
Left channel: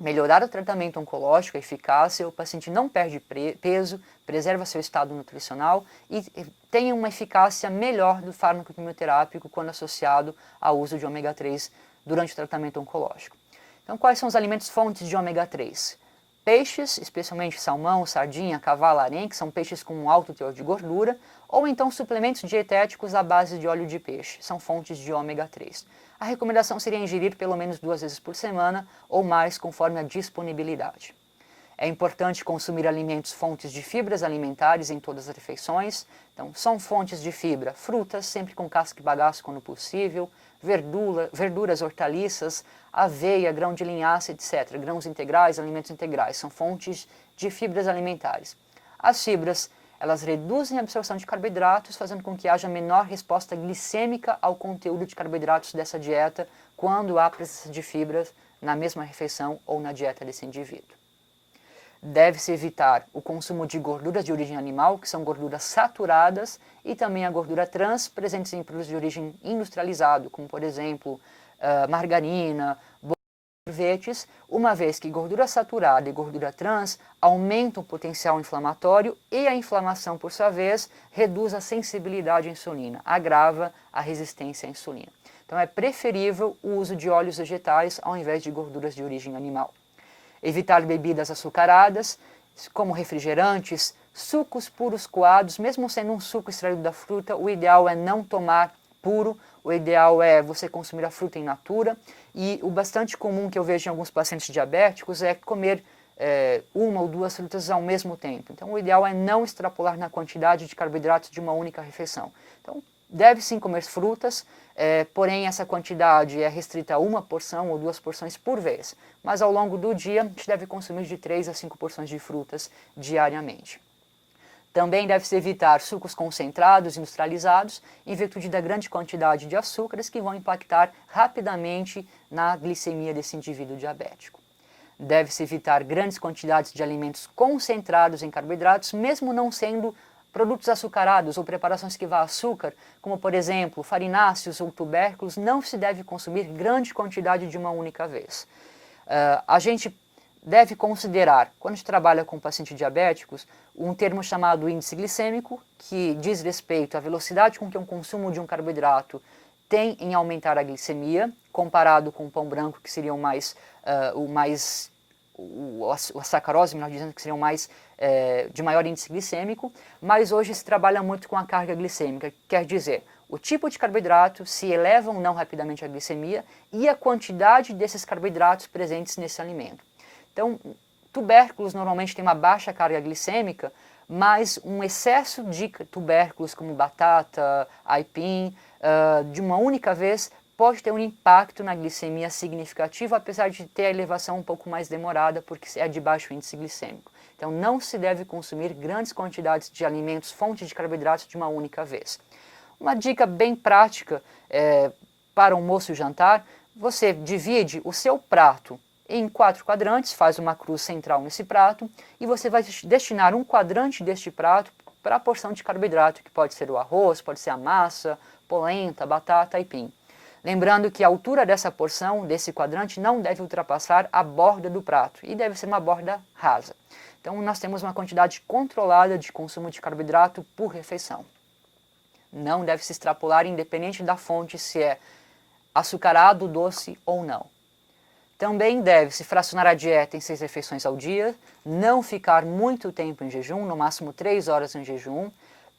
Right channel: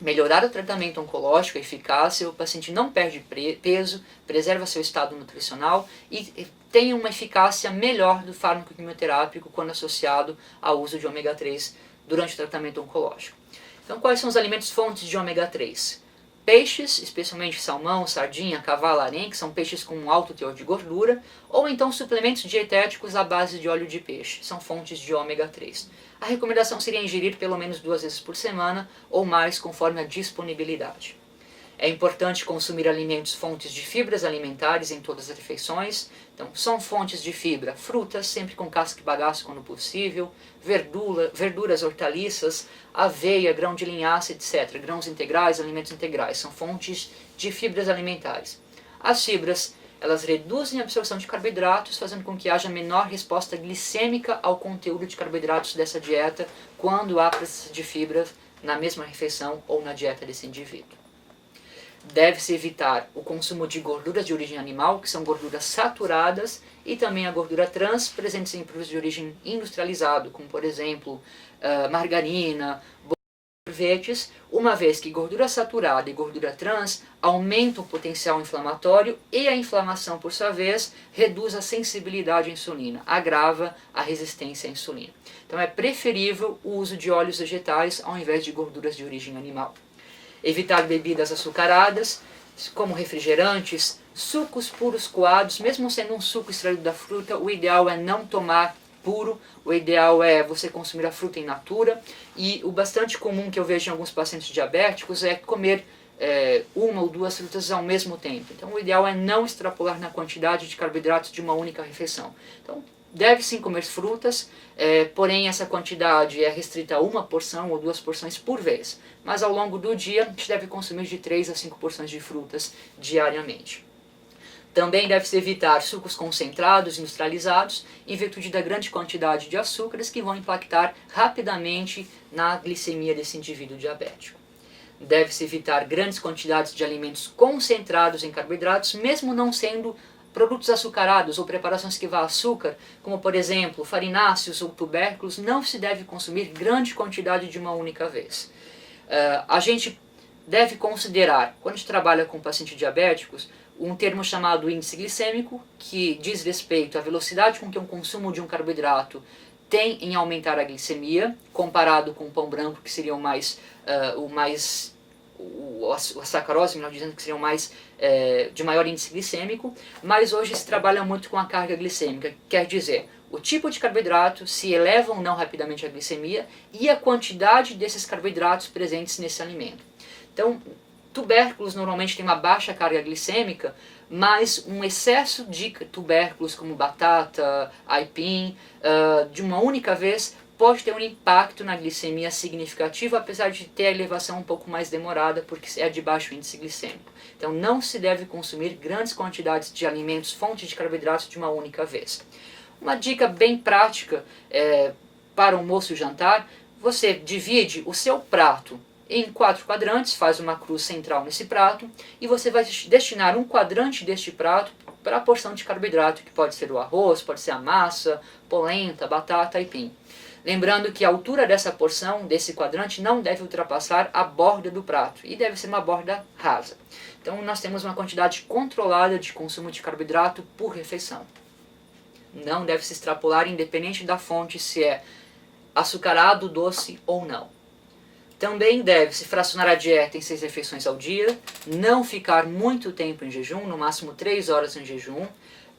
melhorar o tratamento oncológico, a eficácia, o paciente não perde peso, preserva seu estado nutricional e tem uma eficácia melhor do fármaco quimioterápico quando associado ao uso de ômega 3 durante o tratamento oncológico. Então, quais são os alimentos fontes de ômega 3? Peixes, especialmente salmão, sardinha, cavalo-arenque, que são peixes com um alto teor de gordura, ou então suplementos dietéticos à base de óleo de peixe, são fontes de ômega 3. A recomendação seria ingerir pelo menos 2 vezes por semana ou mais conforme a disponibilidade. É importante consumir alimentos fontes de fibras alimentares em todas as refeições. Então, são fontes de fibra, frutas, sempre com casca e bagaço quando possível, verduras, hortaliças, aveia, grão de linhaça, etc. Grãos integrais, alimentos integrais, são fontes de fibras alimentares. As fibras, elas reduzem a absorção de carboidratos, fazendo com que haja menor resposta glicêmica ao conteúdo de carboidratos dessa dieta quando há presença de fibras na mesma refeição ou na dieta desse indivíduo. Deve-se evitar o consumo de gorduras de origem animal, que são gorduras saturadas, e também a gordura trans, presentes em produtos de origem industrializado, como por exemplo margarina, sorvetes, uma vez que gordura saturada e gordura trans aumentam o potencial inflamatório e a inflamação, por sua vez, reduz a sensibilidade à insulina, agrava a resistência à insulina. Então é preferível o uso de óleos vegetais ao invés de gorduras de origem animal. Evitar bebidas açucaradas, como refrigerantes, sucos puros coados, mesmo sendo um suco extraído da fruta, o ideal é não tomar puro, o ideal é você consumir a fruta in natura, e o bastante comum que eu vejo em alguns pacientes diabéticos é comer uma ou duas frutas ao mesmo tempo. Então o ideal é não extrapolar na quantidade de carboidratos de uma única refeição. Então deve sim comer frutas, porém essa quantidade é restrita a uma porção ou 2 porções por vez. Mas ao longo do dia a gente deve consumir de 3 a 5 porções de frutas diariamente. Também deve-se evitar sucos concentrados, industrializados, em virtude da grande quantidade de açúcares que vão impactar rapidamente na glicemia desse indivíduo diabético. deve-se evitar grandes quantidades de alimentos concentrados em carboidratos, mesmo não sendo produtos açucarados ou preparações que vá açúcar, como por exemplo farináceos ou tubérculos, não se deve consumir grande quantidade de uma única vez. A gente deve considerar, quando a gente trabalha com pacientes diabéticos, um termo chamado índice glicêmico, que diz respeito à velocidade com que o consumo de um carboidrato tem em aumentar a glicemia, comparado com o pão branco, que seria a sacarose, melhor dizendo, que seriam mais de maior índice glicêmico, mas hoje se trabalha muito com a carga glicêmica, quer dizer, o tipo de carboidrato, se eleva ou não rapidamente a glicemia e a quantidade desses carboidratos presentes nesse alimento. Então, tubérculos normalmente têm uma baixa carga glicêmica, mas um excesso de tubérculos como batata, aipim, de uma única vez, pode ter um impacto na glicemia significativo, apesar de ter a elevação um pouco mais demorada, porque é de baixo índice glicêmico. Então não se deve consumir grandes quantidades de alimentos, fontes de carboidratos de uma única vez. Uma dica bem prática para o almoço e jantar, você divide o seu prato em 4 quadrantes, faz uma cruz central nesse prato, e você vai destinar um quadrante deste prato para a porção de carboidrato, que pode ser o arroz, pode ser a massa, polenta, batata, aipim. Lembrando que a altura dessa porção, desse quadrante, não deve ultrapassar a borda do prato, e deve ser uma borda rasa. Então nós temos uma quantidade controlada de consumo de carboidrato por refeição. Não deve se extrapolar, independente da fonte, se é açucarado, doce ou não. Também deve-se fracionar a dieta em 6 refeições ao dia, não ficar muito tempo em jejum, no máximo 3 horas em jejum,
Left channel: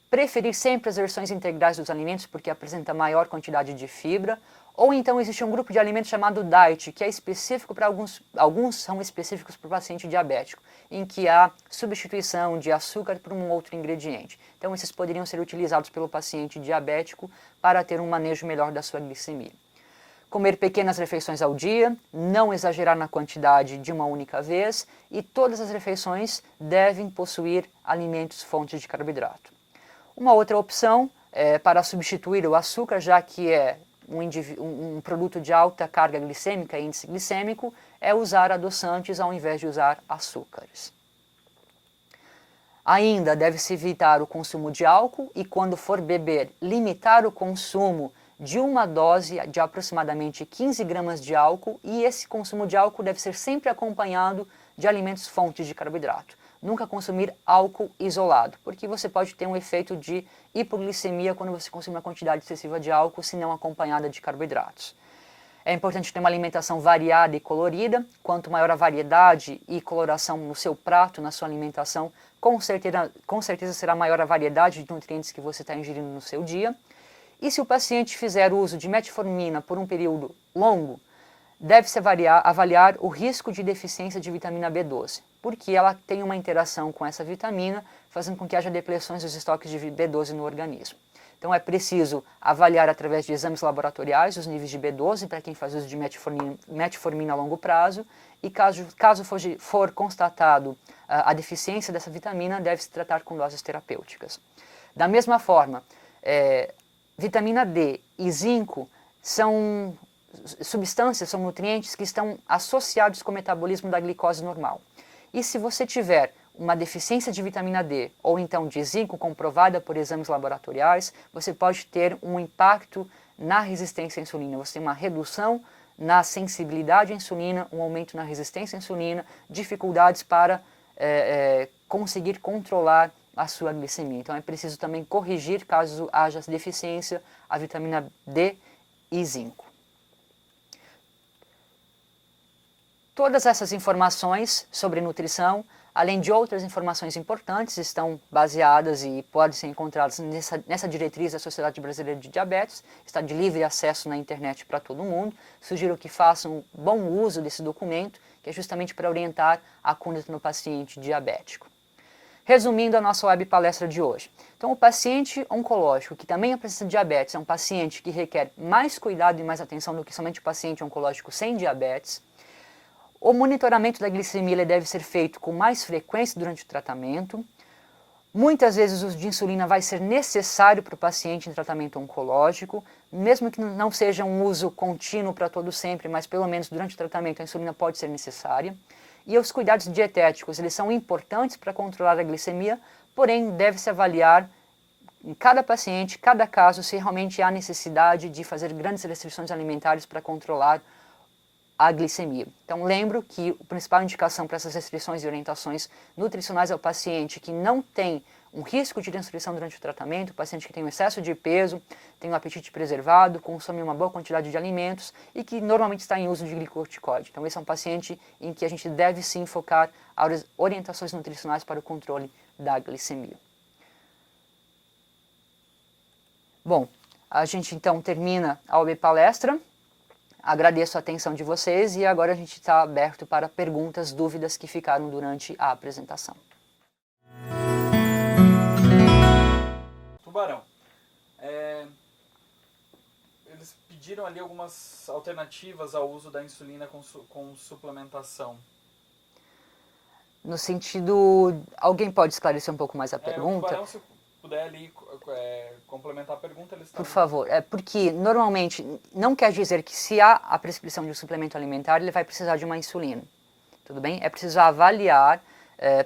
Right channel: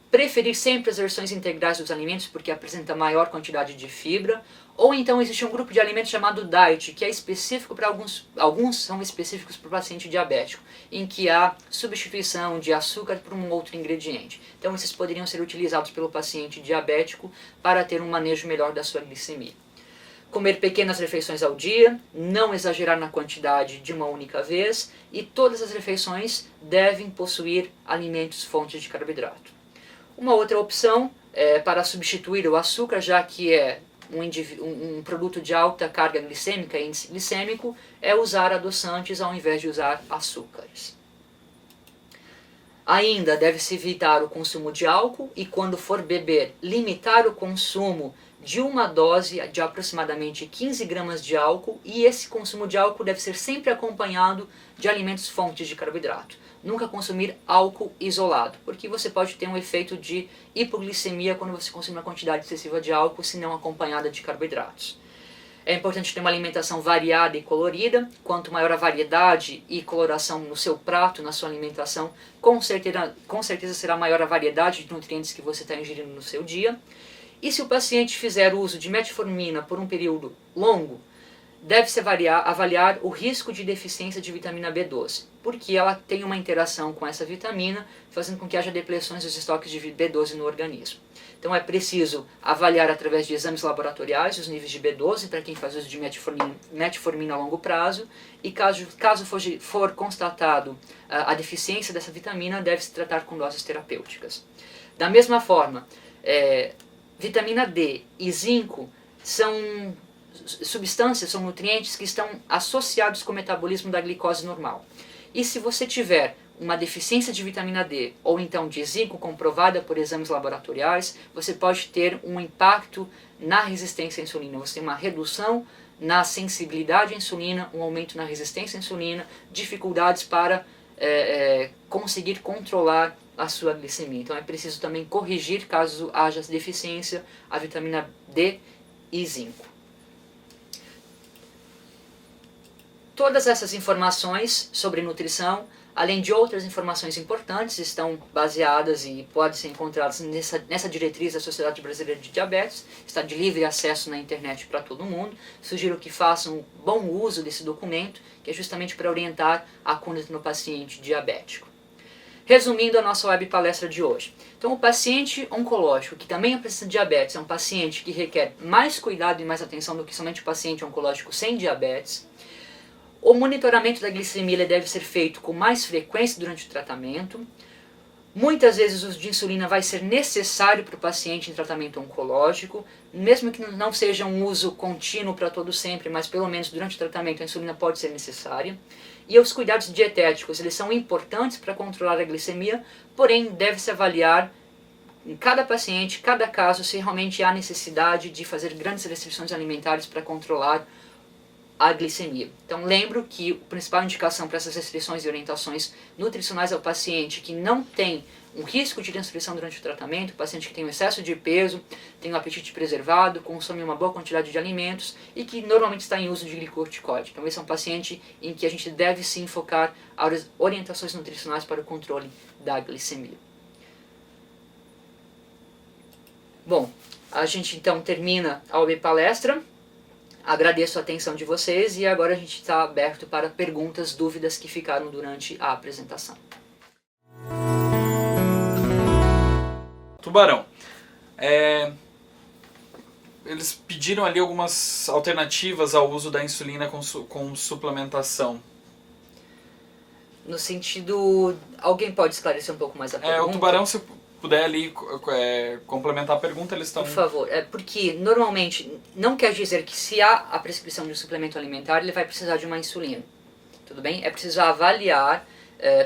preferir sempre as versões integrais dos alimentos porque apresenta maior quantidade de fibra, ou então existe um grupo de alimentos chamado diet, que é específico para alguns são específicos para o paciente diabético, em que há substituição de açúcar por um outro ingrediente. Então esses poderiam ser utilizados pelo paciente diabético para ter um manejo melhor da sua glicemia. Comer pequenas refeições ao dia, não exagerar na quantidade de uma única vez, e todas as refeições devem possuir alimentos fontes de carboidrato. Uma outra opção para substituir o açúcar, já que é um produto de alta carga glicêmica e índice glicêmico, é usar adoçantes ao invés de usar açúcares. Ainda deve-se evitar o consumo de álcool e, quando for beber, limitar o consumo de uma dose de aproximadamente 15 gramas de álcool, e esse consumo de álcool deve ser sempre acompanhado de alimentos fontes de carboidrato. Nunca consumir álcool isolado, porque você pode ter um efeito de hipoglicemia quando você consome uma quantidade excessiva de álcool, se não acompanhada de carboidratos. É importante ter uma alimentação variada e colorida. Quanto maior a variedade e coloração no seu prato, na sua alimentação, com certeza será maior a variedade de nutrientes que você está ingerindo no seu dia. E se o paciente fizer uso de metformina por um período longo, deve-se avaliar o risco de deficiência de vitamina B12, porque ela tem uma interação com essa vitamina, fazendo com que haja depleções dos estoques de B12 no organismo. Então é preciso avaliar através de exames laboratoriais os níveis de B12 para quem faz uso de metformina a longo prazo, e caso for constatado a deficiência dessa vitamina, deve-se tratar com doses terapêuticas. Da mesma forma, vitamina D e zinco são substâncias, são nutrientes que estão associados com o metabolismo da glicose normal. E se você tiver uma deficiência de vitamina D ou então de zinco comprovada por exames laboratoriais, você pode ter um impacto na resistência à insulina. Você tem uma redução na sensibilidade à insulina, um aumento na resistência à insulina, dificuldades para conseguir controlar a sua glicemia. Então é preciso também corrigir, caso haja deficiência, a vitamina D e zinco. Todas essas informações sobre nutrição, além de outras informações importantes, estão baseadas e podem ser encontradas nessa diretriz da Sociedade Brasileira de Diabetes. Está de livre acesso na internet para todo mundo. Sugiro que façam bom uso desse documento, que é justamente para orientar a conduta no paciente diabético. Resumindo a nossa web palestra de hoje. Então, o paciente oncológico, que também apresenta diabetes, é um paciente que requer mais cuidado e mais atenção do que somente o paciente oncológico sem diabetes. O monitoramento da glicemia deve ser feito com mais frequência durante o tratamento. Muitas vezes o uso de insulina vai ser necessário para o paciente em tratamento oncológico, mesmo que não seja um uso contínuo para todo sempre, mas pelo menos durante o tratamento a insulina pode ser necessária. E os cuidados dietéticos, eles são importantes para controlar a glicemia, porém deve-se avaliar em cada paciente, cada caso, se realmente há necessidade de fazer grandes restrições alimentares para controlar a glicemia. Então lembro que a principal indicação para essas restrições e orientações nutricionais é o paciente que não tem um risco de desnutrição durante o tratamento, o paciente que tem um excesso de peso, tem um apetite preservado, consome uma boa quantidade de alimentos e que normalmente está em uso de glicorticoide. Então esse é um paciente em que a gente deve sim focar as orientações nutricionais para o controle da glicemia. Bom, a gente então termina a OAB Palestra. Agradeço a atenção de vocês e agora a gente está aberto para perguntas, dúvidas que ficaram durante a apresentação. Tubarão, eles pediram ali algumas alternativas ao uso da insulina com suplementação. No sentido, alguém pode esclarecer um pouco mais a pergunta? O Tubarão, se puder ali complementar a pergunta, eles estão... Por favor, porque normalmente não quer dizer que se há a prescrição de um suplemento alimentar, ele vai precisar de uma insulina. Tudo bem? É preciso avaliar,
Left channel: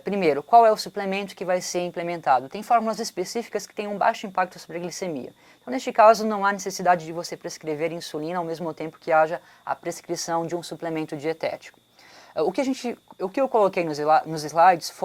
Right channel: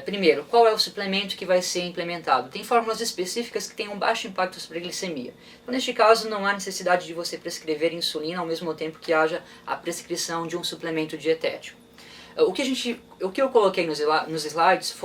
primeiro, qual é o suplemento que vai ser implementado. Tem fórmulas específicas que têm um baixo impacto sobre a glicemia. Então, neste caso, não há necessidade de você prescrever insulina ao mesmo tempo que haja a prescrição de um suplemento dietético. O que eu coloquei nos slides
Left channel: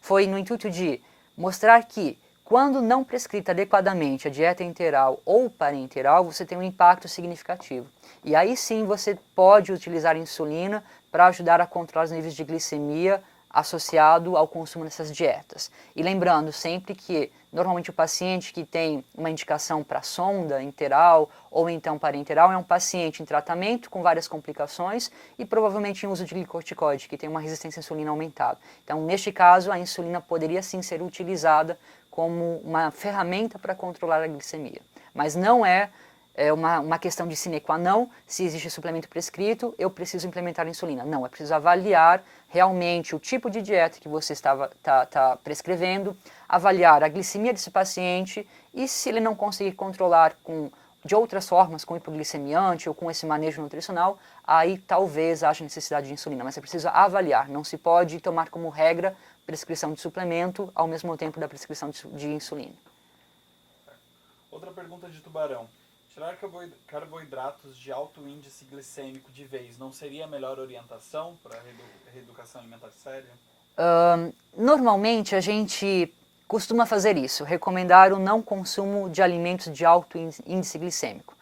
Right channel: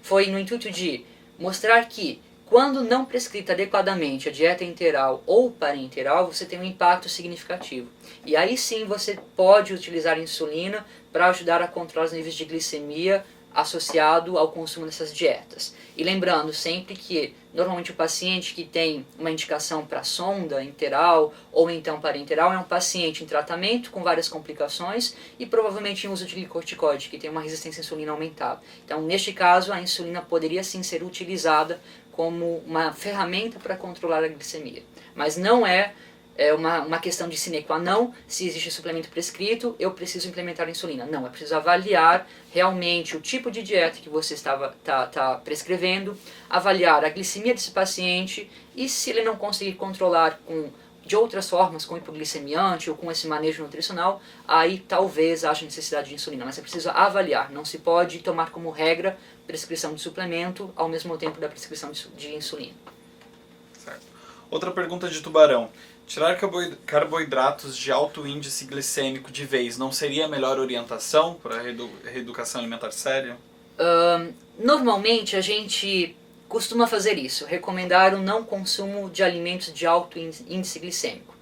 foi no intuito de mostrar que quando não prescrita adequadamente a dieta enteral ou parenteral, você tem um impacto significativo. E aí sim você pode utilizar a insulina para ajudar a controlar os níveis de glicemia associado ao consumo dessas dietas. E lembrando sempre que normalmente o paciente que tem uma indicação para sonda enteral ou então parenteral é um paciente em tratamento com várias complicações e provavelmente em uso de glicorticoide, que tem uma resistência à insulina aumentada. Então, neste caso, a insulina poderia sim ser utilizada como uma ferramenta para controlar a glicemia. Mas não é uma questão de sine qua non, se existe suplemento prescrito, eu preciso implementar a insulina. Não, é preciso avaliar realmente o tipo de dieta que você está prescrevendo, avaliar a glicemia desse paciente e se ele não conseguir controlar de outras formas, com hipoglicemiante ou com esse manejo nutricional, aí talvez haja necessidade de insulina, mas é preciso avaliar, não se pode tomar como regra prescrição de suplemento ao mesmo tempo da prescrição de insulina. Certo. Outra pergunta de Tubarão. Tirar carboidratos de alto índice glicêmico de vez não seria a melhor orientação para a reeducação alimentar séria? Normalmente a gente costuma fazer isso, recomendar o não consumo de alimentos de alto índice glicêmico.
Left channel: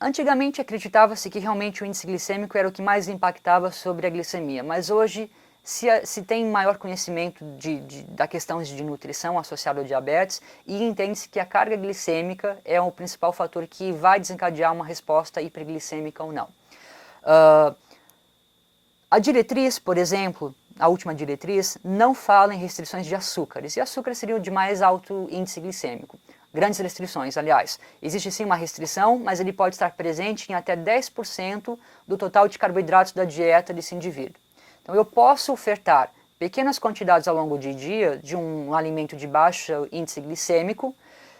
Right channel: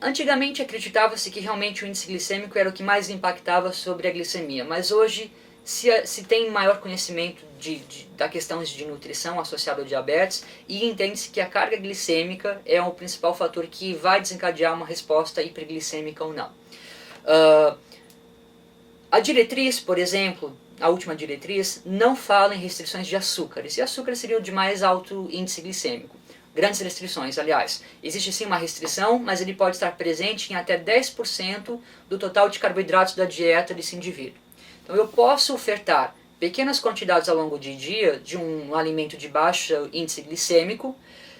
Antigamente acreditava-se que realmente o índice glicêmico era o que mais impactava sobre a glicemia, mas hoje se tem maior conhecimento da questão de nutrição associada ao diabetes e entende-se que a carga glicêmica é o principal fator que vai desencadear uma resposta hiperglicêmica ou não. A diretriz, por exemplo, a última diretriz, não fala em restrições de açúcares, e açúcar seria o de mais alto índice glicêmico. Grandes restrições, aliás. Existe sim uma restrição, mas ele pode estar presente em até 10% do total de carboidratos da dieta desse indivíduo. Então eu posso ofertar pequenas quantidades ao longo do dia de um alimento de baixo índice glicêmico,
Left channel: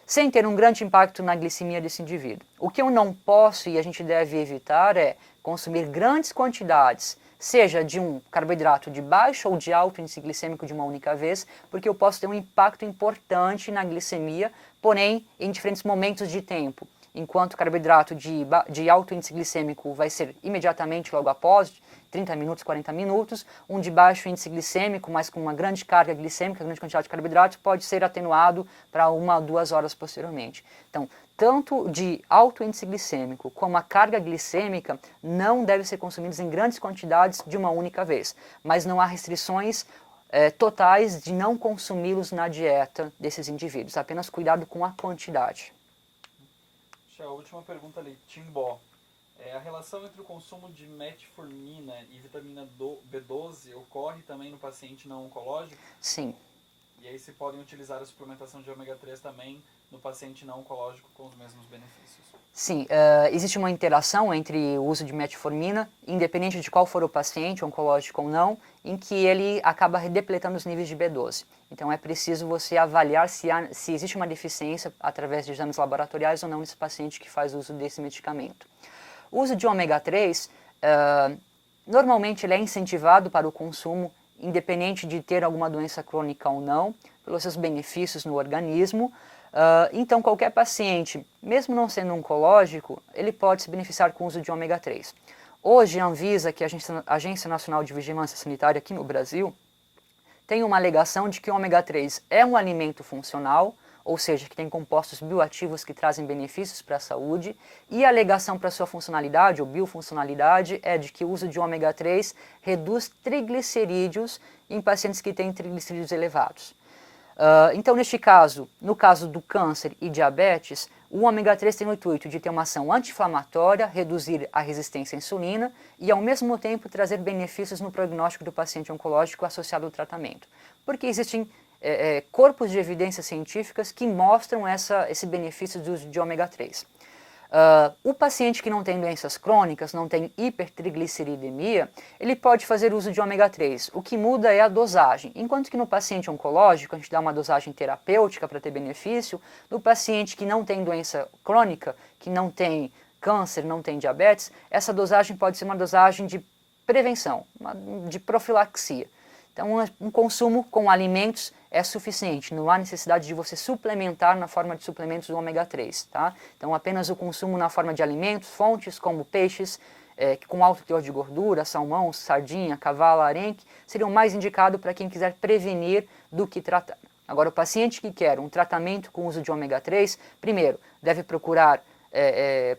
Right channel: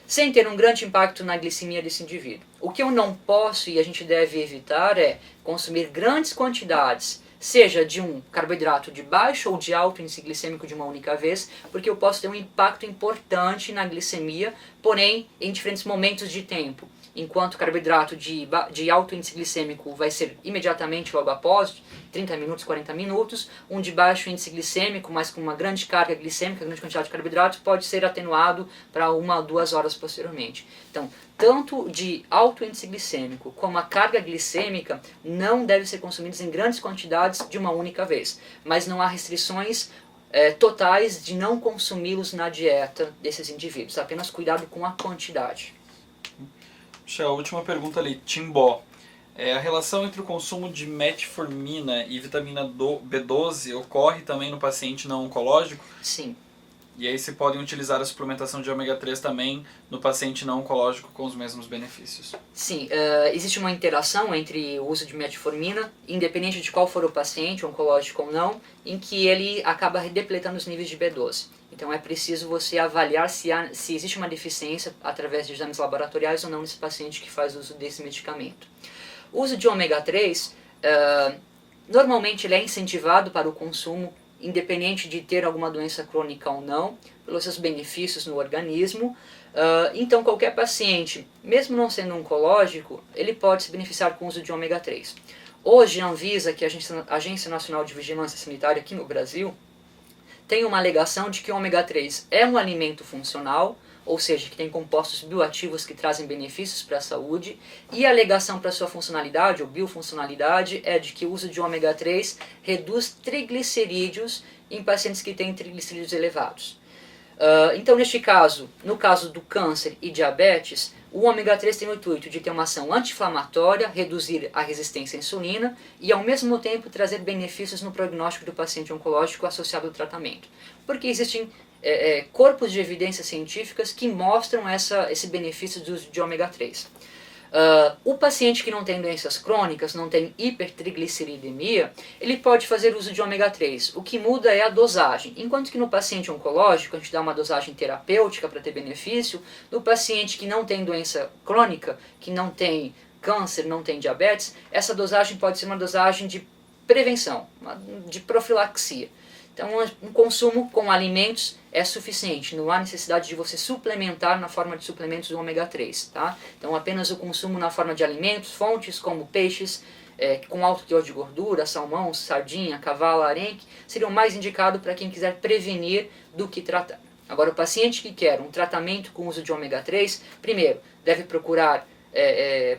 sem ter um grande impacto na glicemia desse indivíduo. O que eu não posso e a gente deve evitar é consumir grandes quantidades, seja de um carboidrato de baixo ou de alto índice glicêmico de uma única vez, porque eu posso ter um impacto importante na glicemia, porém em diferentes momentos de tempo. Enquanto o carboidrato de alto índice glicêmico vai ser imediatamente logo após, 30 minutos, 40 minutos, um de baixo índice glicêmico, mas com uma grande carga glicêmica, grande quantidade de carboidrato, pode ser atenuado para 1 a 2 horas posteriormente. Então, tanto de alto índice glicêmico como a carga glicêmica não devem ser consumidos em grandes quantidades de uma única vez, mas não há restrições totais de não consumi-los na dieta desses indivíduos, apenas cuidado com a quantidade. A última pergunta ali, Timbó. A relação entre o consumo de metformina e vitamina B12 ocorre também no paciente não oncológico? Sim. E aí se podem utilizar a suplementação de ômega 3 também no paciente não oncológico com os mesmos benefícios? Sim, existe uma interação entre o uso de metformina, independente de qual for o paciente, oncológico ou não, em que ele acaba redepletando os níveis de B12. Então é preciso você avaliar se existe uma deficiência através de exames laboratoriais ou não nesse paciente que faz uso desse medicamento. O uso de ômega 3 Normalmente ele é incentivado para o consumo, independente de ter alguma doença crônica ou não, pelos seus benefícios no organismo. Então qualquer paciente, mesmo não sendo oncológico, ele pode se beneficiar com o uso de ômega 3. Hoje a Anvisa, que é a Agência Nacional de Vigilância Sanitária aqui no Brasil, tem uma alegação de que o ômega 3 é um alimento funcional, ou seja, que tem compostos bioativos que trazem benefícios para a saúde, e a alegação para sua funcionalidade, ou biofuncionalidade, é de que o uso de ômega 3 reduz triglicerídeos em pacientes que têm triglicerídeos elevados. Então, neste caso, no caso do câncer e diabetes, o ômega 3 tem o intuito de ter uma ação anti-inflamatória, reduzir a resistência à insulina e, ao mesmo tempo, trazer benefícios no prognóstico do paciente oncológico associado ao tratamento. Porque existem corpos de evidências científicas que mostram esse benefício do uso de ômega 3. O paciente que não tem doenças crônicas, não tem hipertrigliceridemia, ele pode fazer uso de ômega 3. O que muda é a dosagem. Enquanto que no paciente oncológico a gente dá uma dosagem terapêutica para ter benefício, no paciente que não tem doença crônica, que não tem câncer, não tem diabetes, essa dosagem pode ser uma dosagem de prevenção, de profilaxia. Então, um consumo com alimentos é suficiente, não há necessidade de você suplementar na forma de suplementos do ômega 3, tá? Então, apenas o consumo na forma de alimentos, fontes como peixes com alto teor de gordura, salmão, sardinha, cavalo, arenque, seriam mais indicados para quem quiser prevenir do que tratar. Agora, o paciente que quer um tratamento com uso de ômega 3, primeiro, deve procurar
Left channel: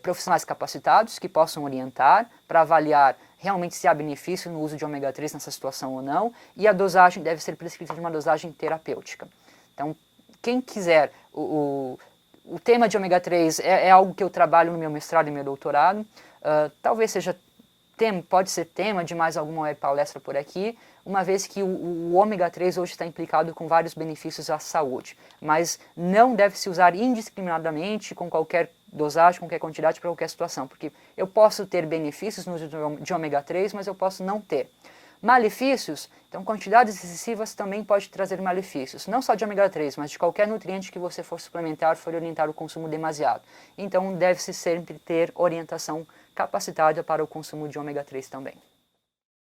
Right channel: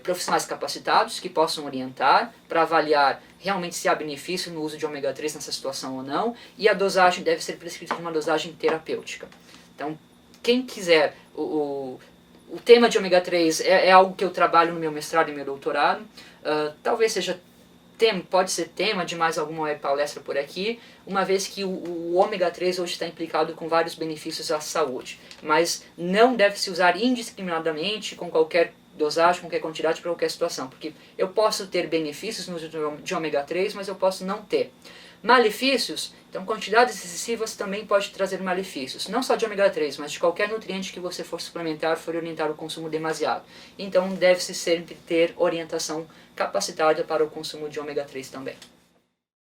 profissionais capacitados que possam orientar para avaliar realmente se há benefício no uso de ômega 3 nessa situação ou não, e a dosagem deve ser prescrita de uma dosagem terapêutica. Então, quem quiser, o tema de ômega 3 é algo que eu trabalho no meu mestrado e meu doutorado, talvez seja pode ser tema de mais alguma palestra por aqui, uma vez que o ômega 3 hoje está implicado com vários benefícios à saúde, mas não deve se usar indiscriminadamente com qualquer dosagem, qualquer quantidade para qualquer situação, porque eu posso ter benefícios no uso de ômega 3, mas eu posso não ter. Malefícios, então quantidades excessivas também pode trazer malefícios, não só de ômega 3, mas de qualquer nutriente que você for suplementar, for orientar o consumo demasiado. Então deve-se sempre ter orientação capacitada para o consumo de ômega 3 também.